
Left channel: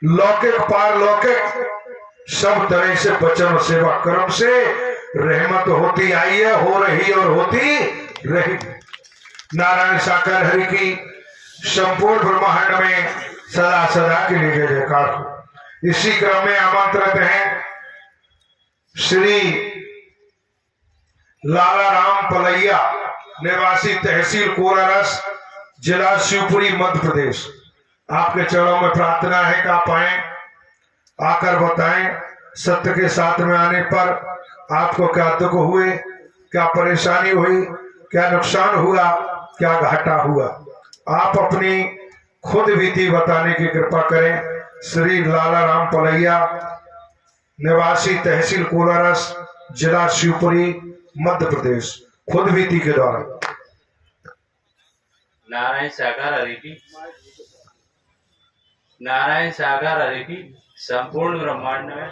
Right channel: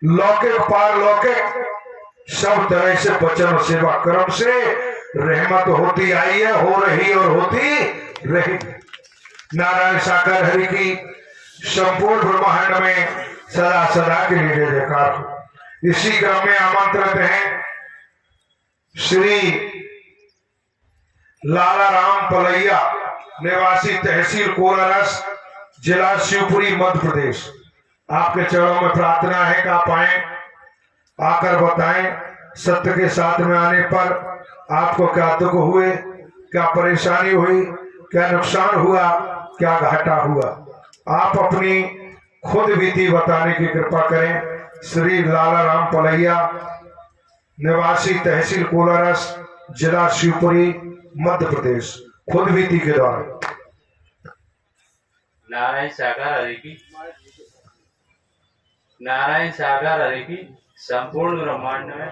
लौकिक पारलौकिक सब तरह से वचन सेवा कर्म से रहमत होती आई है, हो रही और होती रही। नारायण साकार हरि की संपूर्ण ब्रह्मांड में सदा सदा के लिए जय जयकार हो। इसी क्रम में आमंत्रित हैं श्री लाला राम पलैया, निवासी तहसील कोरारस, जिला शिवपुरी, मध्य प्रदेश। आपके चरणों में प्रार्थना है कि आप आए, आकर बताएं सत्य के साथ में आने पर आपको क्या दुख हुए, क्या परेशानी हुई, क्या नुकसान हुआ, क्या घाटा हुआ। आप अपनी खुद बीती बताने की कृपा करें। श्री लाला राम पलैया, निवासी तहसील कोलारस, जिला शिवपुरी, मध्य प्रदेश, खुद बीती के द्वारा। नारायण साकार हरि की, नारायण साकार हरि की संपूर्ण ब्रह्मांड में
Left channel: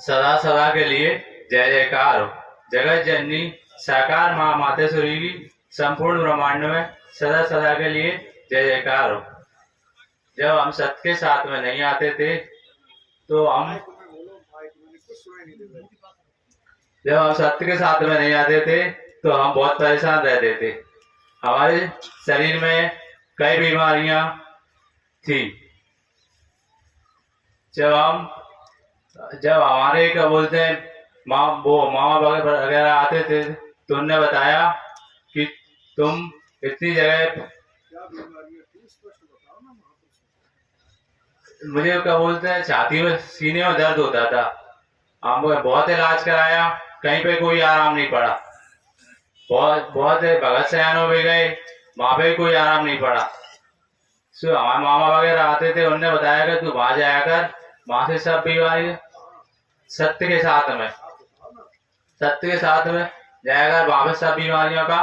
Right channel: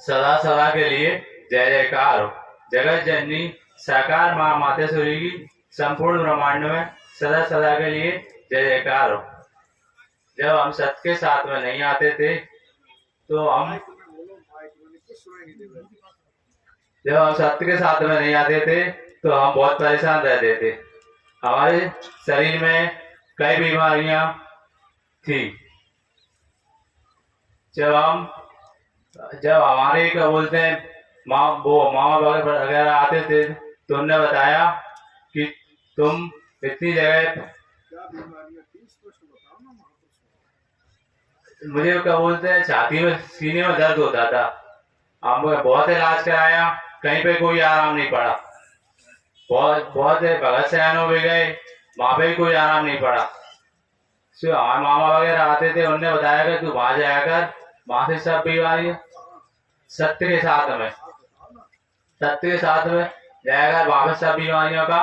सदा सदा के लिए जय जयकार हो। जगत जननी साकार माँ मातेश्वरी की संपूर्ण ब्रह्मांड में सदा सदा के लिए जय जयकार हो। जब हम सत्य के साथ में नहीं आते थे तो हम सत्य के साथ में नहीं आते थे तो हम बहुत परेशान रहते थे। हमारे शरीर में कई बीमारियां थी। जब हमारे क्या बोलते हैं मामा वगैरह आते थे तो उन्होंने बताया कि तुम इतनी जगह, मुझे क्या बोलते हैं छाती में सीने में दर्द होता था। हम बहुत इलाज कराया, कहीं पे कोई आराम नहीं पड़ा। बहुत भगत सयानों में गए, वहां पे कोई आराम नहीं पड़ा। सो हमारे मामा वगैरह आते थे, उनने बताया कि तू वहां जाया कर, वहां से सब बीमारी सत्य के साथ में जाया कर, वहां पे सब बीमारियों का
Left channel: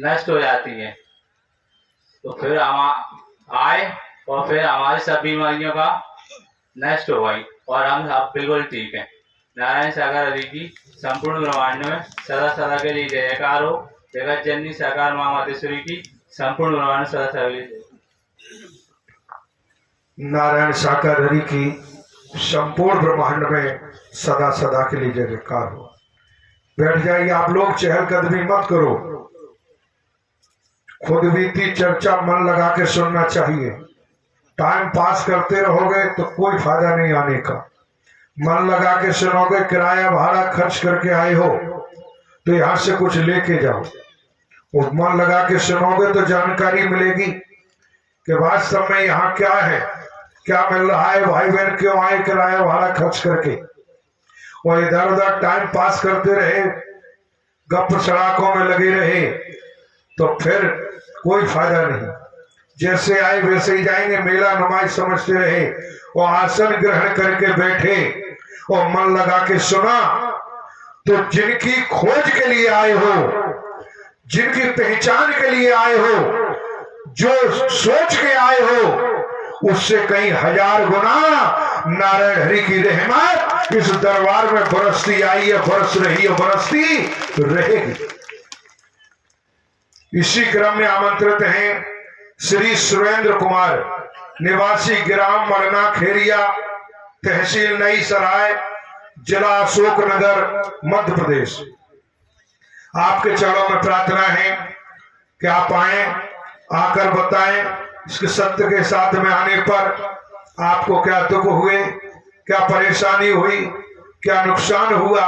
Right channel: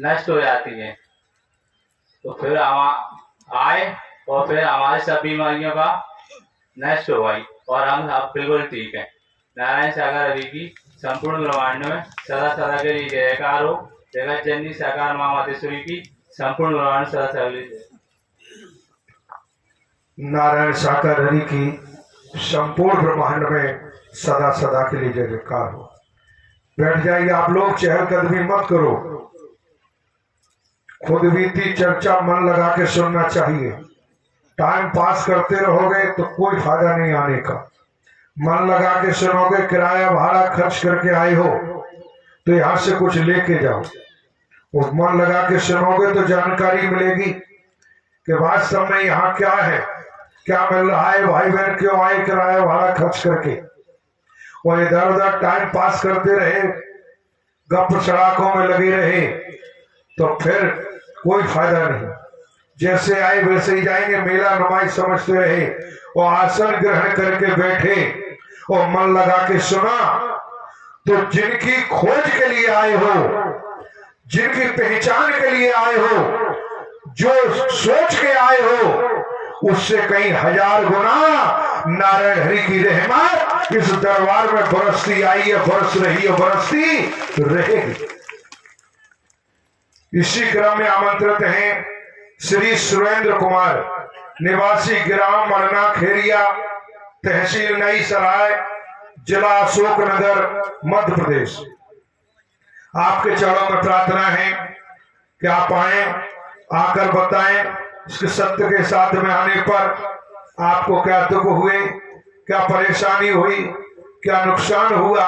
नष्ट हो जाती है। तो फिर हम आए और फिर हमारी सब बीमारियों का नष्ट हो गई और हम सब बिल्कुल ठीक है। नारायण सागर हरि की संपूर्ण ब्रह्मांड में सदा सदा के लिए जयकार हो। जगत जननी साकार माँ मातेश्वरी की संपूर्ण ब्रह्मांड सदा सदा के लिए। नारायण साकार हरि की संपूर्ण ब्रह्मांड में सदा सदा के लिए जय जयकार हो। बैठ जाइए आप लोग, चहलकदमी मत करो। खुद बीती चर्चा मन लगा के सुनना चाहिए। टाइम पास करते रहोगे तो कोई फायदा नहीं आने का। मन लगा के सुनोगे, किराया भाड़ा खर्च करके आए हो तो यहां से कुछ लेके जाओ। और मन लगा के सुनोगे तो जानकारी मिलेगी कि वास्तव में यहाँ क्या है, क्या मिल रहा है, भाई बहन क्यों आए किराया भाड़ा खर्च करके। और इधर उधर टाइम पास करते रहे, गप सड़ाकों में लगे रहे तो फिर कोई फायदा नहीं। जैसे आए वैसे ही जाएंगे, मेला नुमाइश समझते रहे और आसन ग्रहण करके बैठे और मन लगा के सुना तो जिनकी खोज के लिए आए हो, जिनकी पहचान के लिए आए हो, जो सोच के आए हो, उससे कहीं 1000 गुना नारायण हरि की रहमत इस दरबार में बरसती आई है, बरस रही है, बरसती रहेगी। इसी क्रम में आमंत्रित हैं श्री सुरेंद्र कुमार, निवासी ग्राम मरना खेरिया, तहसील नई सराय, जिला अशोकनगर, मध्य प्रदेश। आपके चरणों में प्रार्थना है कि आप आए, आकर बताएं इसके सत्य के साथ में आने पर आपको क्या दुख हुए, क्या परेशानी हुई, क्या नुकसान हुआ,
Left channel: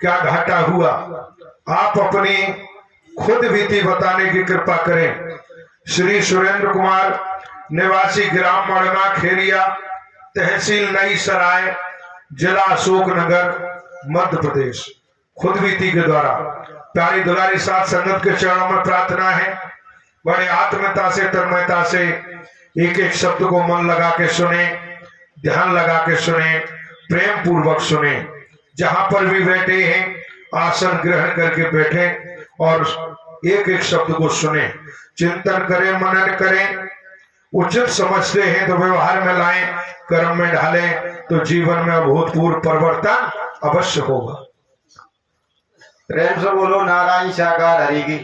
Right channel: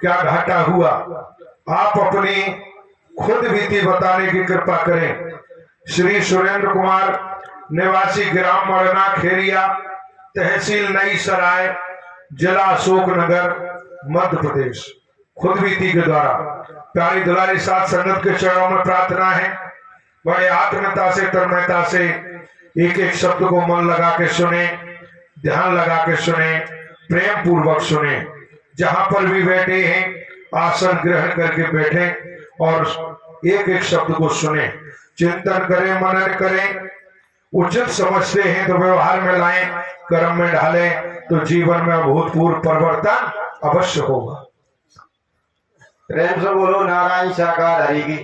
क्या घाटा हुआ। आप अपनी खुद बीती बताने की कृपा करें। श्री सुरेंद्र कुमार, निवासी ग्राम मरना खेरिया, तहसील नई सराय, जिला अशोकनगर, मध्य प्रदेश, खुद बीती के द्वारा। प्यारी दुलारी साथ संगत के चरणों में प्रार्थना है, बड़े आत्मता से, तन्मयता से एक एक शब्द को मन लगा के सुने, ध्यान लगा के सुने, प्रेम पूर्वक सुने। जहां पर भी बैठे हैं आसन ग्रहण करके बैठे और एक एक शब्द को सुने, चिंतन करें, मनन करें। उचित समझते हैं तो व्यवहार में लाएं, कर्म में ढालें तो जीवन में अभूतपूर्व परिवर्तन अवश्य होगा। प्रेम से बोलो नारायण साकार हरि की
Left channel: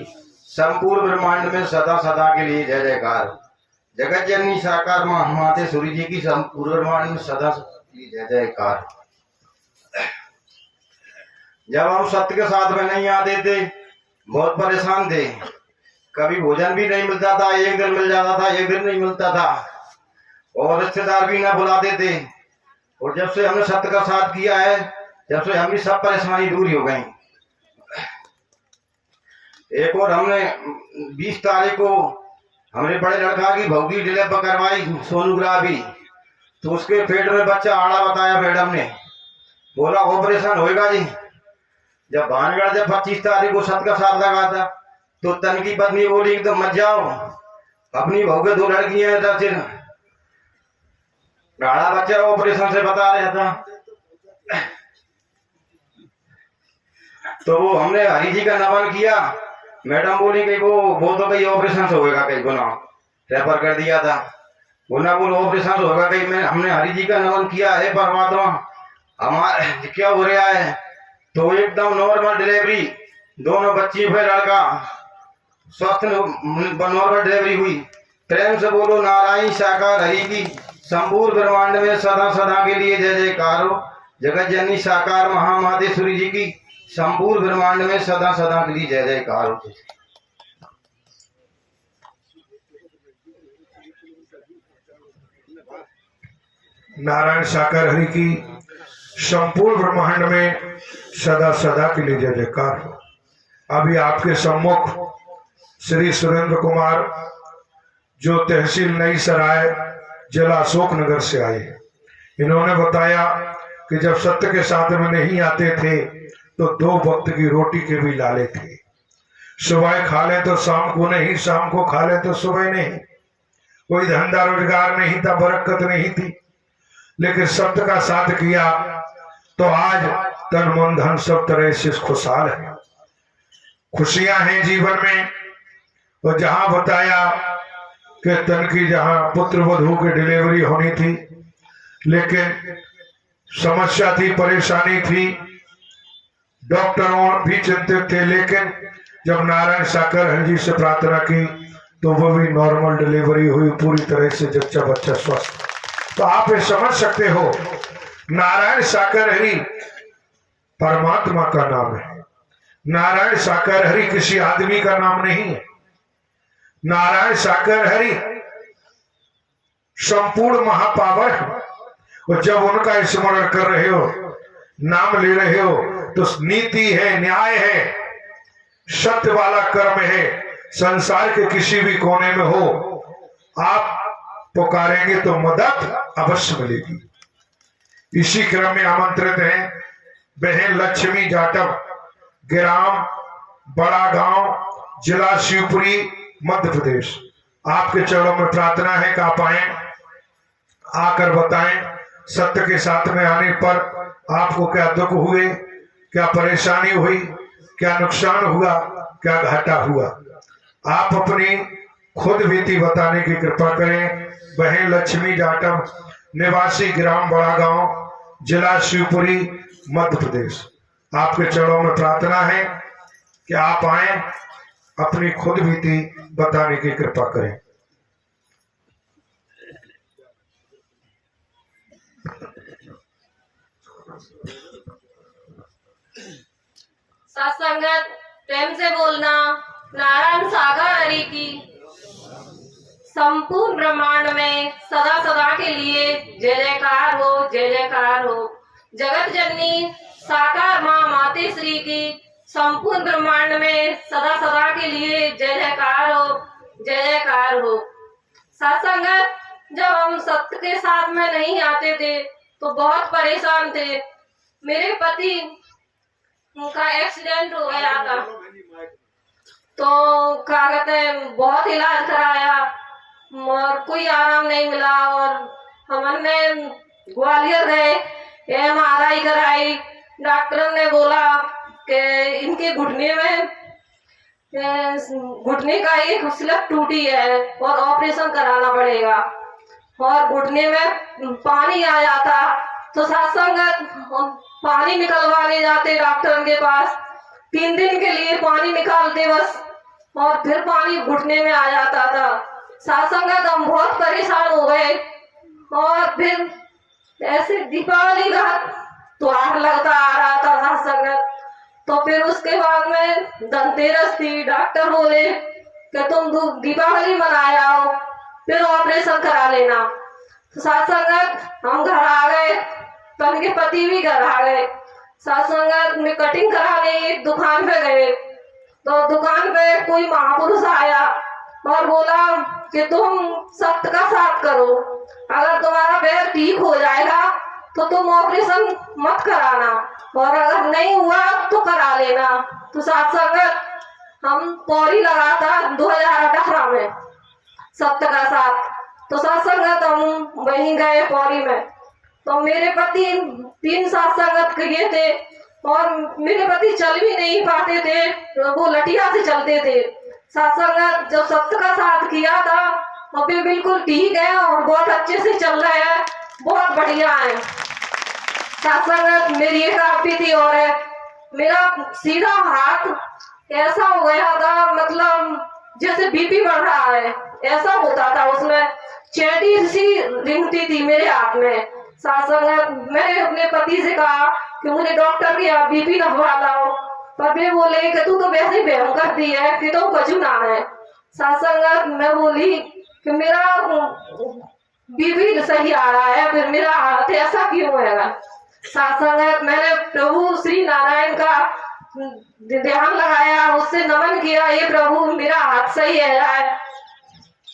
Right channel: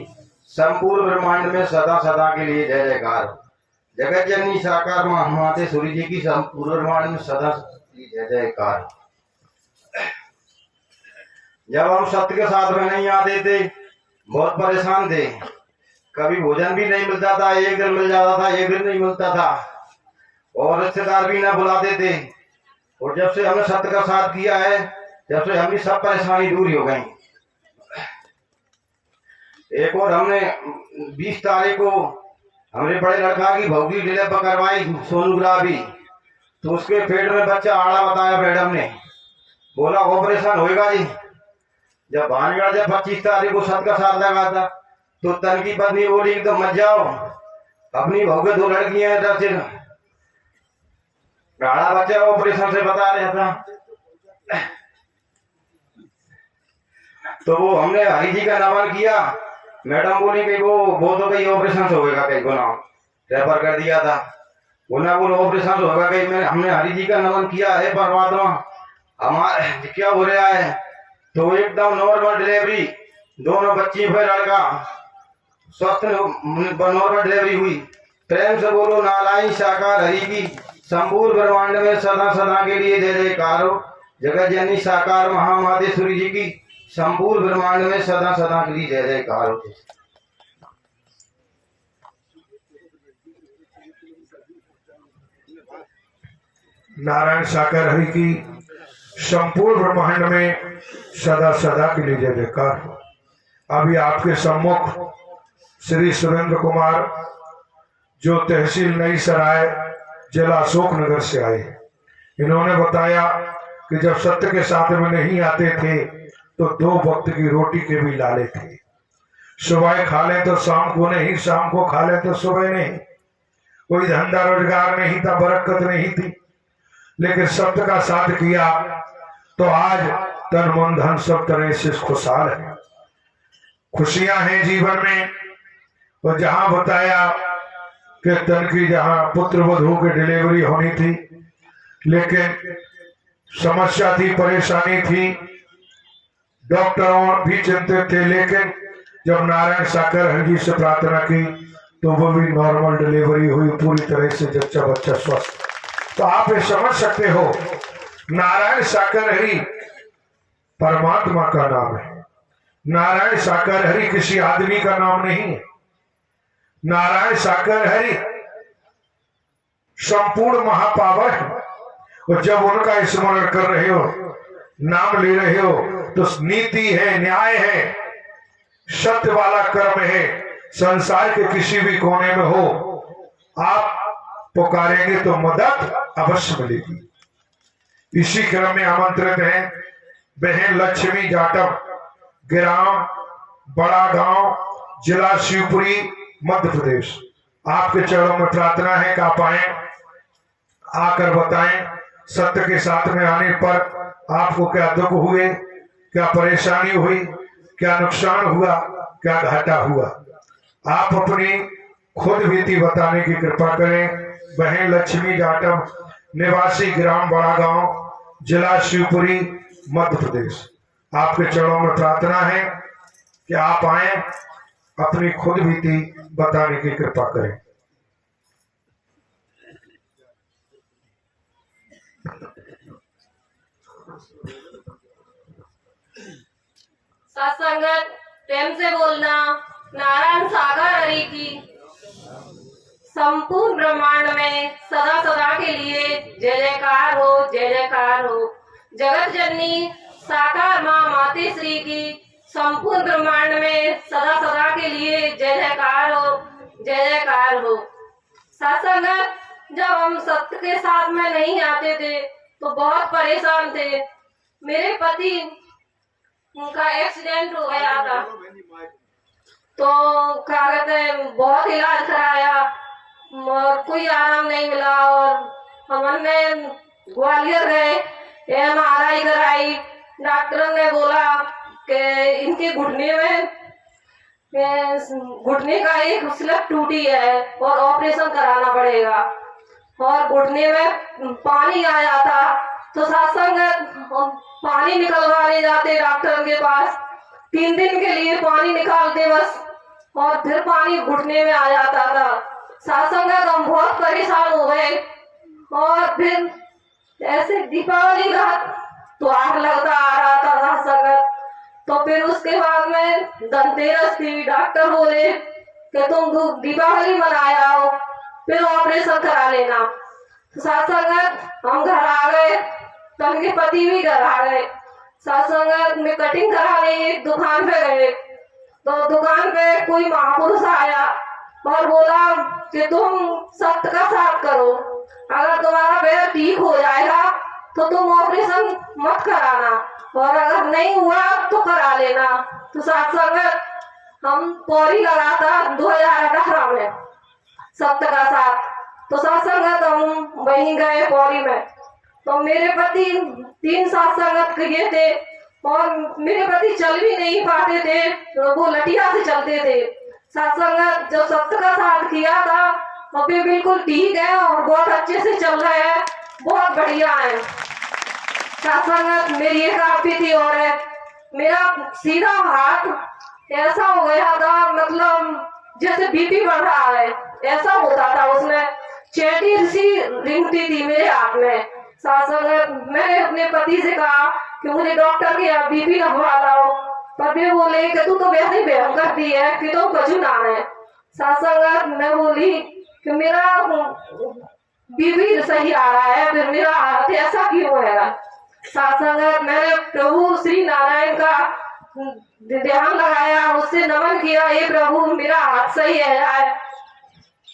संपूर्ण ब्रह्मांड में सदा सदा के लिए जय जयकार। जगत जननी साकार माँ मातेश्वरी जी की संपूर्ण ब्रह्मांड में सदा जय जयकार। जब हम सत्य के साथ में नहीं आते थे बहुत परेशान थे। कभी भोजन भी नहीं मिलता था, एक दिन मिल जाता था, एक दिन नहीं मिलता था, और रिश्तेदार भी ना बुलाते थे। और जब से हमने सत्य का साथ किया है, जब से हमारी सब परेशानी दूर हो गई। एक और हमने 20 तारीख को हमारे बड़े लड़का की भौती डिले पर करवाई सोनोग्राफी, तो उसके पेट में बच्चा आड़ा बताया मैडम ने। बोला ऑपरेशन होएगा जी। जब भानगढ़ जब 25 तारीख को 7 का साथ लगा था, तो तन की पत्नी बोली एकदम मत जाओ, अपनी बहू के 2 लड़कियां हैं, तो फिर आड़ा बच्चा ऑपरेशन से बता रहा था। तो वो हमने हरी जी का नमन किया। मैडम बोली कि वो तो कहीं ऑपरेशन से होएगा, कहीं गुना रेफर कर दिया था, गुना बोलो ऑपरेशन से होगा कहीं। मैंने हमने हरी जी का नमन किया है परमात्मा, हमारे क्या हो रहा है। तो एकदम नॉर्मल डिलीवरी, दोनों बच्ची फिर लड़का स्वस्थ नॉर्मल डिलीवरी हुई। प्रेम से बोलो नारायण साकार हरि की संपूर्ण ब्रह्मांड में सदा सदा के लिए जय जयकार हो। जगत जननी साकार महामातेश्वरी जी की संपूर्ण ब्रह्मांड में सदा सदा के लिए जय जयकार हो। नारायण साकार हरि की संपूर्ण ब्रह्मांड में सदा सदा के लिए जय जयकार हो। अभी आपके सम्मुख श्री सुरेंद्र कुमार, जो तहसील नई सराय जिला अशोकनगर से आए, इन्होंने बताया कि जब सत्य के साथ में नहीं आते थे तो 2 वक्त की रोटी के भी लाले थे। सुबह खा ले तो शाम को नहीं, शाम को खा ले तो सुबह नहीं। कोई धंधा रोजगार नहीं था, बरकत नहीं थी, लेकिन सत्य का साथ किया तो आज तन मन धन सब तरह से खुशहाल है, खुशियां हैं जीवन में। और जहां बताया कि तन की जहां पुत्र वधू की डिलीवरी होनी थी, लेकिन समस्या थी, परेशानी थी, डॉक्टरों भी चिंतित थे, लेकिन जब नारायण साकर हरि जी से प्रार्थना की तो वो भी नॉर्मल डिलीवरी हुई, पूरी तरह से जच्चा बच्चा स्वस्थ। तो आप ये समझ सकते हो, नारायण साकर हरि परमात्मा का नाम है। नारायण साकर हरि किसी आदमी का नाम नहीं है। नारायण साकर हरि संपूर्ण महापावर है। और जब उनका स्मरण कर रहे हो, नाम ले रहे हो, तो नीति है, न्याय है, सत्य वाला कर्म है। संसार के किसी भी कोने में हो, आप पुकारेंगे तो मदद अवश्य मिलेगी। इसी क्रम में आमंत्रित हैं बहन लक्ष्मी जाटव, ग्राम बड़ा गांव, जिला शिवपुरी, मध्य प्रदेश। आपके चरणों में प्रार्थना है कि आप आए, आकर बताएं सत्य के साथ में आने पर आपको क्या दुख हुए, क्या परेशानी हुई, क्या नुकसान हुआ, क्या घाटा हुआ। आप अपनी खुद बीती बताने की कृपा करें। बहन लक्ष्मी जाटव, निवासी ग्राम बड़ा गांव, जिला शिवपुरी, मध्य प्रदेश। आपके चरणों में प्रार्थना है कि आप आए, अपनी खुद बीती बताने की कृपा करें। सत्संगत प्रेम से बोलना। नारायण सागर हरि की संपूर्ण ब्रह्मांड में सदा सदा के लिए जय जयकार हो, जय जयकार हो। जगत जननी साकार माँ मातेश्वरी की संपूर्ण ब्रह्मांड में सदा सदा के लिए जय जयकार हो, जय जयकार हो। सत्संगत, जब हम सत्य के साथ में नहीं आते थे तो बहुत परेशान थे। मेरे पति, उनका एक्सीडेंट हो गया था, तो क्या कहते हैं, बहुत इलाज कराया और कोई आराम नहीं मिला। और हमने ग्वालियर गए, MRI कराई, डॉक्टर ने बोला कि इनके घुटने में घुटने का एक स्लिप टूटी है और ऑपरेशन कराना पड़ेगा। और घुटने में पानी आ जाता तो सत्संगत पानी निकलवाने जाते डॉक्टर के पास, 3 दिन के लिए पानी निकालते बस, और फिर पानी घुटने में आ जाता था। सत्संगत हम बहुत परेशान हो गए। और फिर ऐसे दीपावली रात तो आग लगता आ रहा था सत्संगत। तो फिर उसके बाद में धनतेरस थी, डॉक्टर बोले कि तुम दीपावली मनाए आओ, फिर ऑपरेशन करा लेना। तो सत्संगत हम घर आ गए, तो उनके पति भी घर आ गए। सत्संगत में कटिंग करा गई, एक दुकान पे गए, तो दुकान पे कोई महापुरुष आया और बोला कि तुम सत्य का साथ करो। अगर तुम्हारा पैर ठीक हो जाएगा तो तुम ऑपरेशन मत कराना, और अगर नहीं हुआ तो करा लेना। तो साथ संगत हम पौड़ी लगा था 2018 में सत्य का साथ। तो साथ संगत हम वहीं गए पौड़ी में, तो मेरे पति 3 साथ संगत किए थे और मेरे पति चल भी नहीं पाते थे, वो लठिया से चलते थे। साथ संगत जब सत्य का साथ किया था और वे बिल्कुल ठीक है और बहुत अच्छे से चल रहे हैं, बहुत बढ़िया है। साथ संगत मेरी एक आप थी और है, मेरा सीधा हाथ ऐसा हो गया था, मतलब जैसे बीपी बढ़ रहा है ऐसा होता था, उसमें चेटी सी रिंगती थी मेरे हाथ में। साथ संगत मैंने अपने पति से कहा कि मुझे डॉक्टर की बीपी नपवा लाओ, पर वे बोले कि तू तो वैसे ही भयंकर दी है कि तो कुछ ना है। साथ संगत मैं बोली कि मेरा बीपी सही आ रहा है, फिर मेरा हाथ ऐसा क्यों है। साथ संगत मैंने प्रभु श्री नारायण का ध्यान लगाया, उससे नमन किया, ये प्रभु मेरा हाथ सही है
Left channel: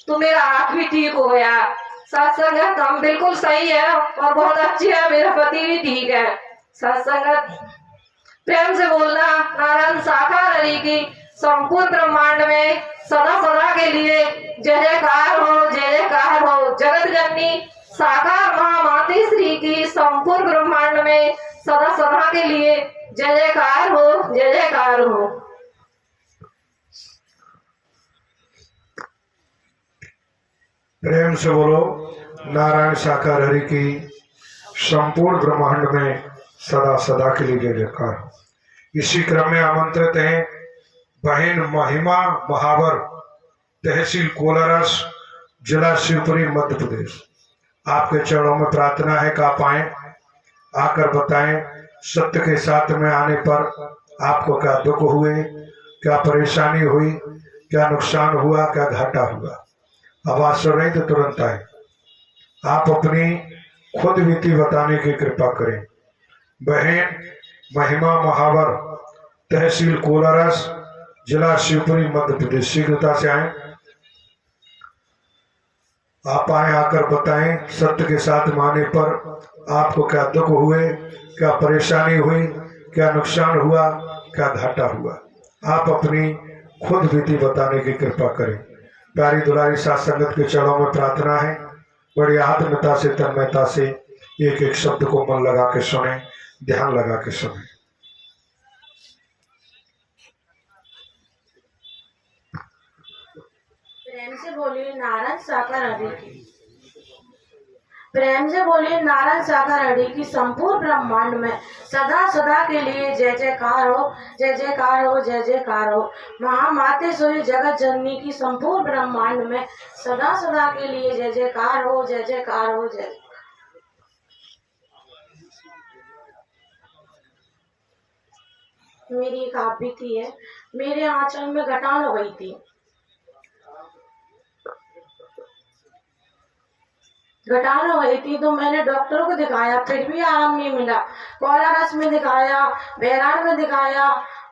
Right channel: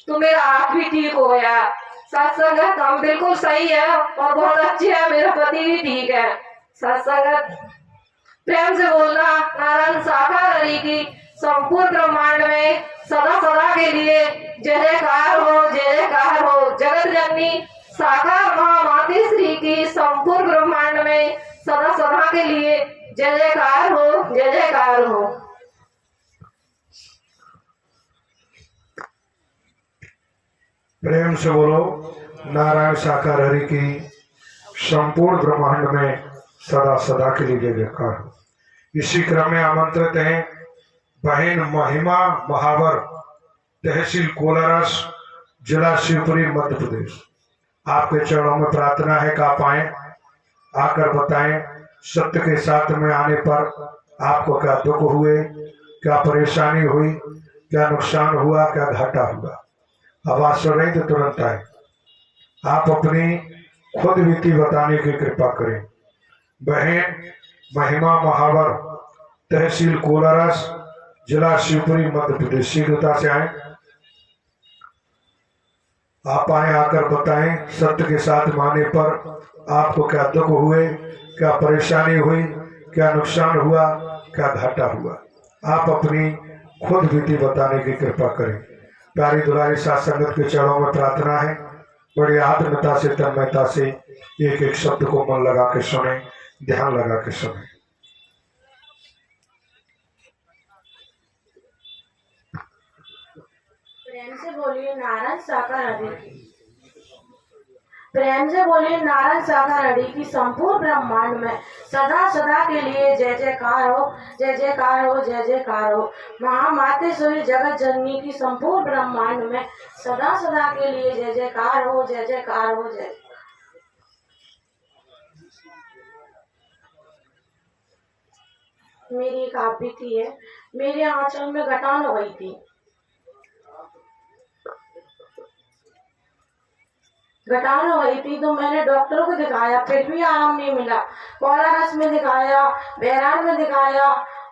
तो मेरा हाथ भी ठीक हो गया। साथ संगत हम बिल्कुल सही है और बहुत अच्छे है, मेरा पति भी ठीक है। साथ संगत प्रेम से बोलना नारायण साकार हरि की संपूर्ण ब्रह्मांड में सदा सदा के लिए जय जयकार हो, जय जयकार हो। जगत जननी साकार महामाते श्री की संपूर्ण ब्रह्मांड में सदा सदा के लिए जय जयकार हो, जय जयकार हो। प्रेम से बोलो नारायण साकार हरि की संपूर्ण ब्रह्मांड में सदा सदा के लिए जय जयकार। इसी क्रम में आमंत्रित हैं बहन महिमा महावर, तहसील कोलारस, जिला शिवपुरी, मध्य प्रदेश। आपके चरणों में प्रार्थना है कि आप आए, आकर बताएं सत्य के साथ में आने पर आपको क्या दुख हुए, क्या परेशानी हुई, क्या नुकसान हुआ, क्या घाटा हुआ। आवाज सुन रही तो तुरंत आए। आप अपनी खुद बीती बताने की कृपा करें। बहन महिमा महावर, तहसील कोलारस, जिला शिवपुरी, मध्य प्रदेश। शीघ्रता से आए, आप आए, आकर बताएं सत्य के साथ में आने पर आपको क्या दुख हुए, क्या परेशानी हुई, क्या नुकसान हुआ, क्या घाटा हुआ। आप अपनी खुद बीती बताने की कृपा करें। प्यारी दुलारी साथ संगत के चरणों में प्रार्थना है, बड़ी आत्मता से, तन्मयता से एक एक शब्द को मन लगा के सुने, ध्यान लगा के सुने। प्रेम से बोलिए नारायण साकार हरि की। प्रेम से बोलिए नारायण साकार हरि की संपूर्ण ब्रह्मांड में सदा सदा के लिए जय जयकार हो, जय जयकार हो, जय जयकार हो। महामातेश्वरी जगत जननी की संपूर्ण ब्रह्मांड में सदा सदा के लिए जय जयकार हो, जय जयकार हो, जय। मेरी एक आप बीती है, मेरे आंचल में गठान हो गई थी। गठान हो गई थी तो मैंने डॉक्टर को दिखाया, फिर भी आराम नहीं मिला। कोलारस में दिखाया, बहरान में दिखाया,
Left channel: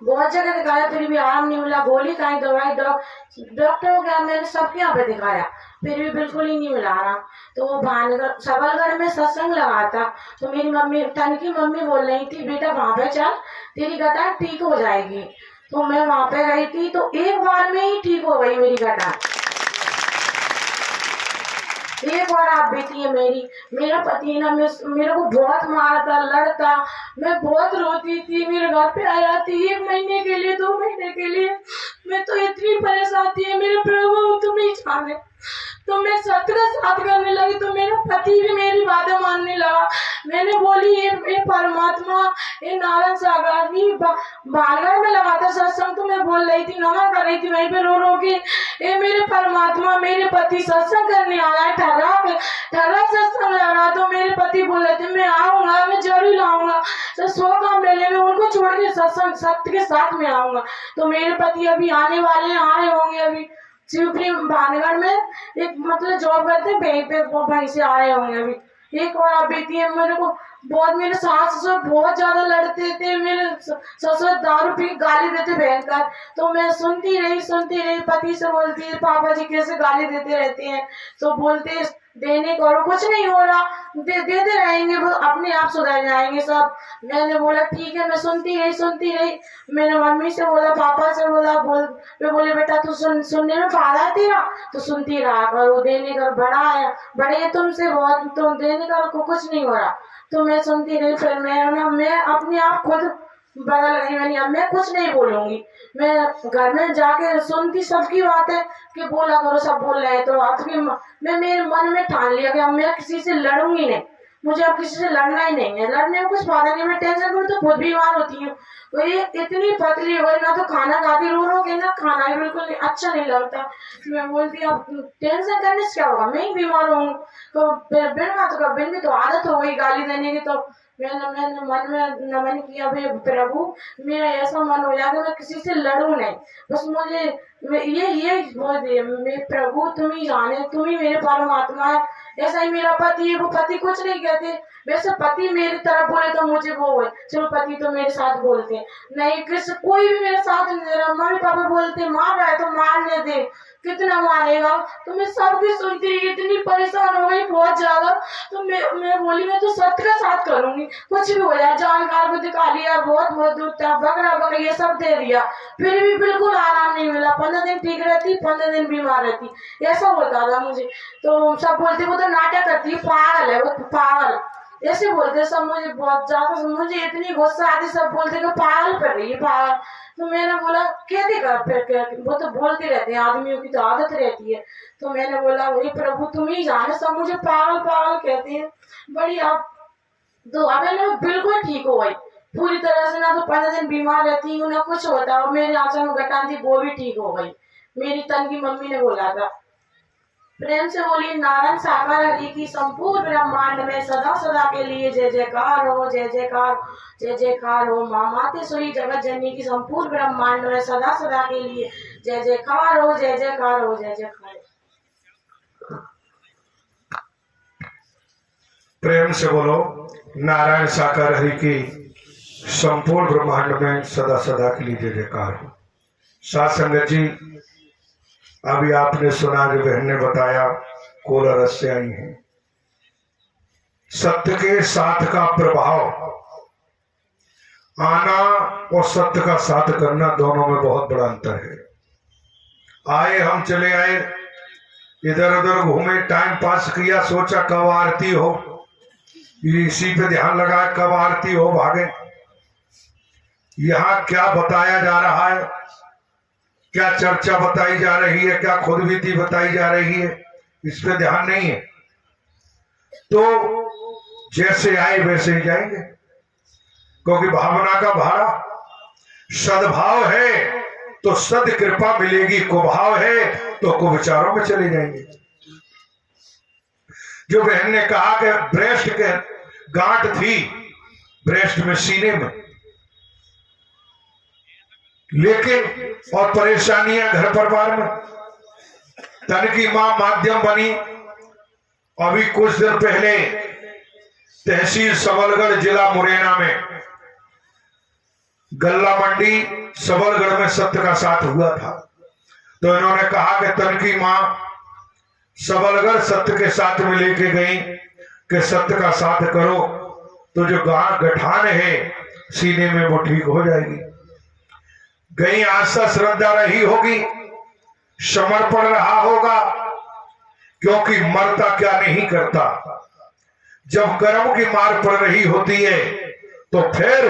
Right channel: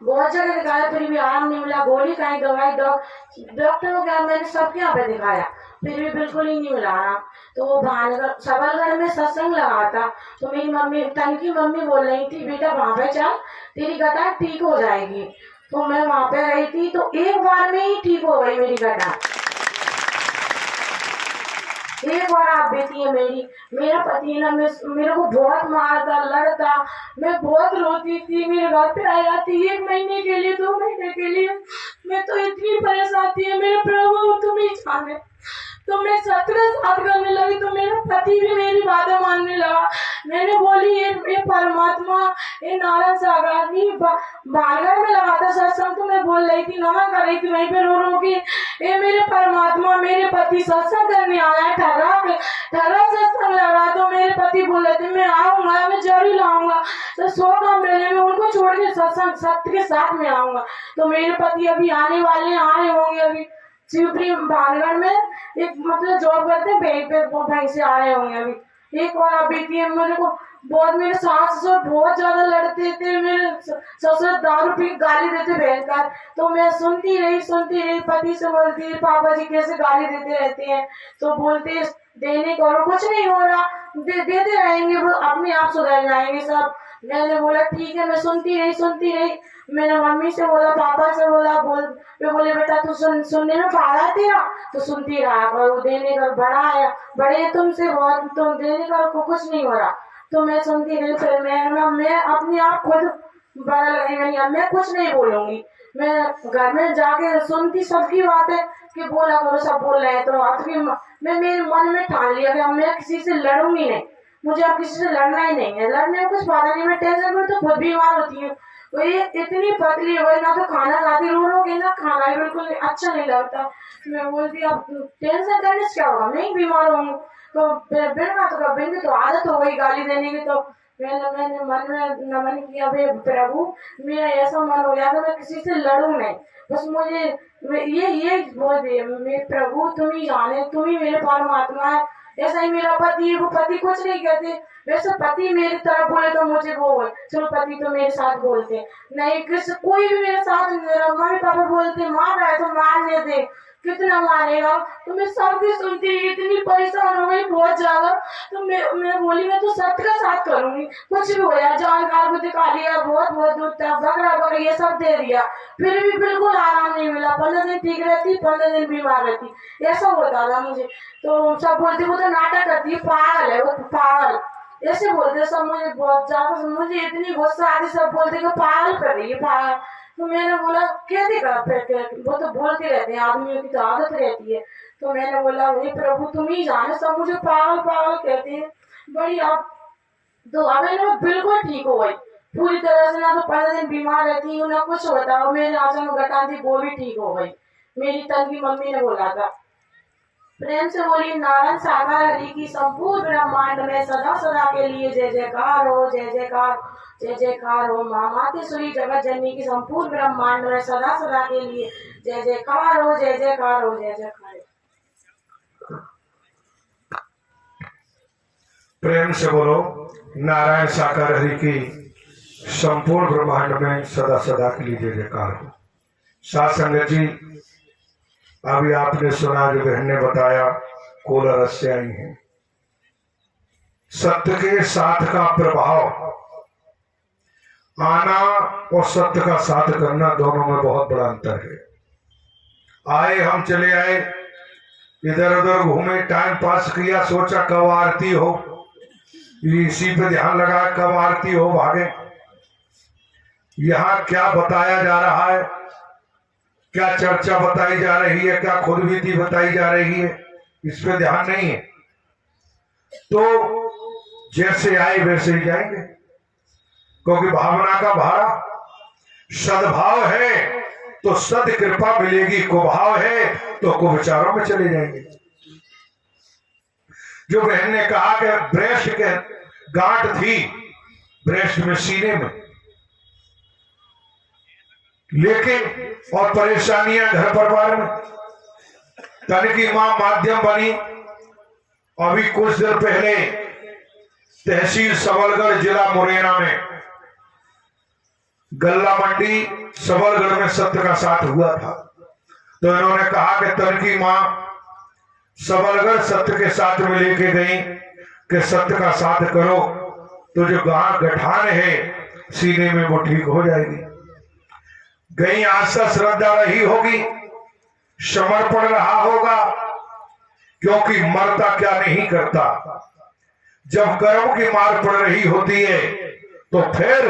बहुत जगह दिखाया, फिर भी आराम नहीं मिला। गोली खाई, दवाई, डॉक्टर को क्या मैंने सबके यहाँ पे दिखाया, फिर भी बिल्कुल ही नहीं मिला आराम। तो भानगढ़ सबलगढ़ में सत्संग लगा था, तो मेरी मम्मी तनकी मम्मी बोल रही थी बेटा वहां पे चल, तेरी गठान ठीक हो जाएगी। तो मैं वहां पे गई थी तो एक बार में ही ठीक हो गई मेरी गठान। एक बार आप बेटी है मेरी, मेरा पति ना मेरे को बहुत मारता, लड़ता, मैं बहुत रोती थी। मेरे घर पे आया थी 1 महीने के लिए, 2 महीने के लिए, मैं तो इतनी परेशान थी। मेरे प्रभु तुम ही जाने। तो मैं सत्य का साथ करने लगी तो मेरा पति भी मेरी बातें मानने लगा। मैंने बोली ये परमात्मा, ये नारायण सागर भी भानगढ़ में लगा था सत्संग, तो मैं बोल रही थी, नमन कर रही थी वहीं पे रो रो के, ये मेरे परमात्मा, मेरे पति सत्संग करने आया है, ठहरा सत्संग लग रहा। तो मेरे पति बोल रहे थे मैं आऊंगा, मैं जरूर लाऊंगा, तो 100 काम मेले में उनको छोड़ के सत्संग सत्य के साथ में आऊंगा। तो मेरे पति अभी आने वाले, आए होंगे अभी शिवपुरी भानगढ़ में, एक मतलब जॉब करते वहीं पे, वो वहीं से आए होंगे अभी। एक और आप बेटी है, मेरे को बहुत, मेरे सास ससुर बहुत ज्यादा लड़ते थे, मेरे ससुर दारू पी गाली देते भयंकर। तो मैं सुनती रही, पति से बोलती पापा जी कैसे गाली देते रहते हैं। तो बोलते देने को, और कुछ नहीं हो रहा, देते रहेंगे, वो अपने आप सुधर जाएंगे सब। मैंने बोला ठीक है, मैं सुनती रही। मैंने मम्मी से बोला, पापा से बोला, वे बोले बेटा तू सुनने में फायदा है तेरा, तो सुनती रहा और वो देने का बड़े तुमसे बहुत, तुम देने का कुछ नहीं हो रहा, तो मैं सुनती रही। फिर मैं अपने आप खुद बदल गई। मैं कुछ नहीं बोलूंगी, मैं घर में जाके सुनती सबकी बातें कि बोला करो, सब बोल रहे हैं, तो अब मैं मेरे मन में ठान लिया कि अब मैं किसी से लड़ूंगी नहीं, मुझे अब किसी से लड़ना ही नहीं है। लड़ने में कुछ फायदा नहीं, मैं टेंशन में तो खुद बीमार होती हूँ। तो ये इतनी पतली हो गई ना, तो खाना खाती रो के ना, खाना भी बिल्कुल अच्छा नहीं लगता। मैं बोलती अब टेंशन करने से क्या होगा, मैं ही बीमार हूँ। तो बिन भी तो आदत हो गई गाली देने की। तो मैंने मन में नमन किया, भाई प्रभु मेरा ऐसा मन हो गया कि मैं किसी से लड़ूं नहीं, बस मुझे ये बोल दिए, मैं प्रभु तुम ही जाने, तुम ही मेरे परमात्मा है। ऐसा ही मेरा पति है, वो पति कुछ नहीं कहते, वैसे पति मेरी तरफ बोले तो मुझे वो है, चलो पति तो मेरे साथ बोलते नहीं, कोई भी मेरे साथ मम्मी पापा बोलते मार रहा है तो मारने दे, कितना मारेगा। तो मैं सब कुछ सुनती, इतनी परेशान हो गई बहुत ज्यादा। तो मैं बोली मैं तो सत्य का साथ करूंगी, कुछ भी हो जाए, जानकार को दिखा लिया, बहुत दूर तक बकरा ये सब दे दिया, फिर भी बिल्कुल आराम नहीं मिला। 15 दिन ठीक रहती, 15 दिन बीमार रहती, ऐसा होता था मुझे। तो सब बोलते वो तो नाटक करती है, पागल है वो, पागल ऐसे बोलते सब। मुझे बहुत ज्यादा, मुझे इतनी गुस्सा आती, सब बोलते कि पागल कर रही है, पागल। तो मैंने बोला क्या दिखा, वो तो बोलते रहते हैं, आदमियों की तो आदत रहती है। तो मैंने बोला हे प्रभु तुम ही जाने, सब मुझे पागल कहते हैं बड़ी। आप तो अब मैं बिल्कुल ठीक हो गई पूरी तरह से, ना तो 15 दिन बीमार रहती हूँ, ना कुछ होता। और मेरे आंचल में गठान थी, वो भी ठीक हो गई। मेरी तन की मम्मी ने बोला था। प्रेम से बोली नारायण सागर हरि की संपूर्ण ब्रह्मांड में सदा सदा के लिए जय जयकार हो, जय जयकार हो। माँ मातेश्वरी जगत जननी की संपूर्ण ब्रह्मांड में सदा सदा के लिए जय जयकार हो, जय जयकार हो, जय जयकार। प्रेम से बोलो नारायण साकार हरि की संपूर्ण ब्रह्मांड में सदा सदा के लिए जय जयकार हो। साथ संगत जी, अभी आपने सुना, जो बहन ने बताया, कोला रस से आई है। सत्य के साथ का प्रभाव आना और सत्य का साथ करना, दोनों में बहुत बड़ा अंतर है। आए हम चले आए, इधर उधर घूमे, टाइम पास किया, सोचा कब आरती हो, इसी पे ध्यान लगा कब आरती हो, भागे। यहां क्या बताया जा रहा है, क्या चर्चा बताई जा रही है, क्या खुद बीती बताई जा रही है, इस पे ध्यान नहीं है। तो जैसे आए वैसे ही जाएंगे, क्योंकि भावना का भाड़ा, सद्भाव है तो सद कृपा मिलेगी, कुभाव है तो कुविचारों में चले जाएंगे। जो बहन ने कहा कि ब्रेस्ट के गांठ थी, ब्रेस्ट में, सीने में, लेकिन और परेशानियां घर परिवार में, तन की मां माध्यम बनी। अभी कुछ दिन पहले तहसील सबलगढ़, जिला मुरैना में, गल्ला मंडी सबलगढ़ में सत्य का साथ हुआ था। तो इन्होंने कहा कि तन की मां सबलगढ़ सत्य के साथ में लेके गई कि सत्य का साथ करो तो जो गठान है सीने में वो ठीक हो जाएगी। गई, आस्था श्रद्धा रही होगी, समर्पण रहा होगा, क्योंकि मरता क्या नहीं करता। जब कर्म की मार पड़ रही होती है तो फिर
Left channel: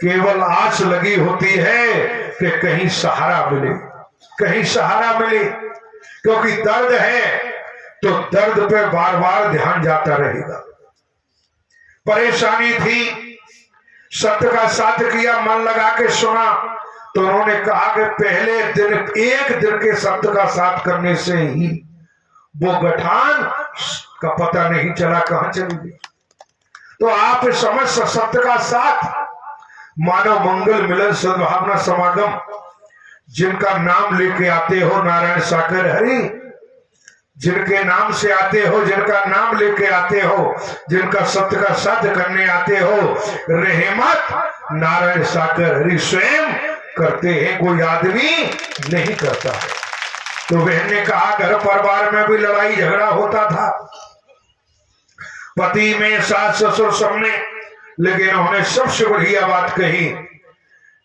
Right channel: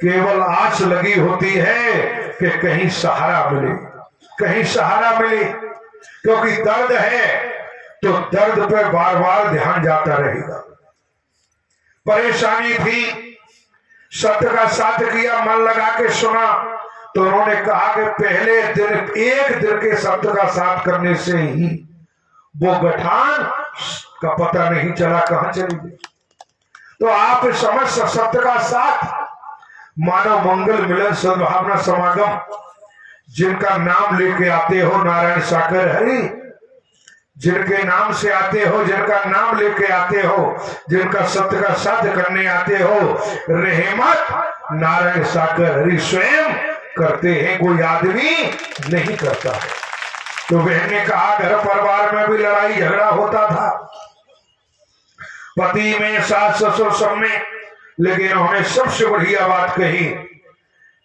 केवल आस लगी होती है कि कहीं सहारा मिले, कहीं सहारा मिले, क्योंकि दर्द है तो दर्द पे बार बार ध्यान जाता रहेगा। परेशानी थी, सत्य का साथ किया, मन लगा के सुना, तो उन्होंने कहा कि पहले दिन, एक दिन के सत्य का साथ करने से ही वो गठान का पता नहीं चला कहां चली गई। तो आप समझ, सत्य का साथ, मानव मंगल मिलन सद्भावना समागम, जिनका नाम लेके आते हो नारायण सागर हरि, जिनके नाम से आते हो, जिनका नाम लेके आते हो, जिनका सत्य का साथ करने आते हो, रहमत नारायण सागर हरि स्वयं करते हैं, कोई आदमी नहीं करता है। तो बहन ने कहा घर परिवार में भी लड़ाई झगड़ा होता था, पति में, सास ससुर सब में, लेकिन उन्होंने सबसे बढ़िया बात कही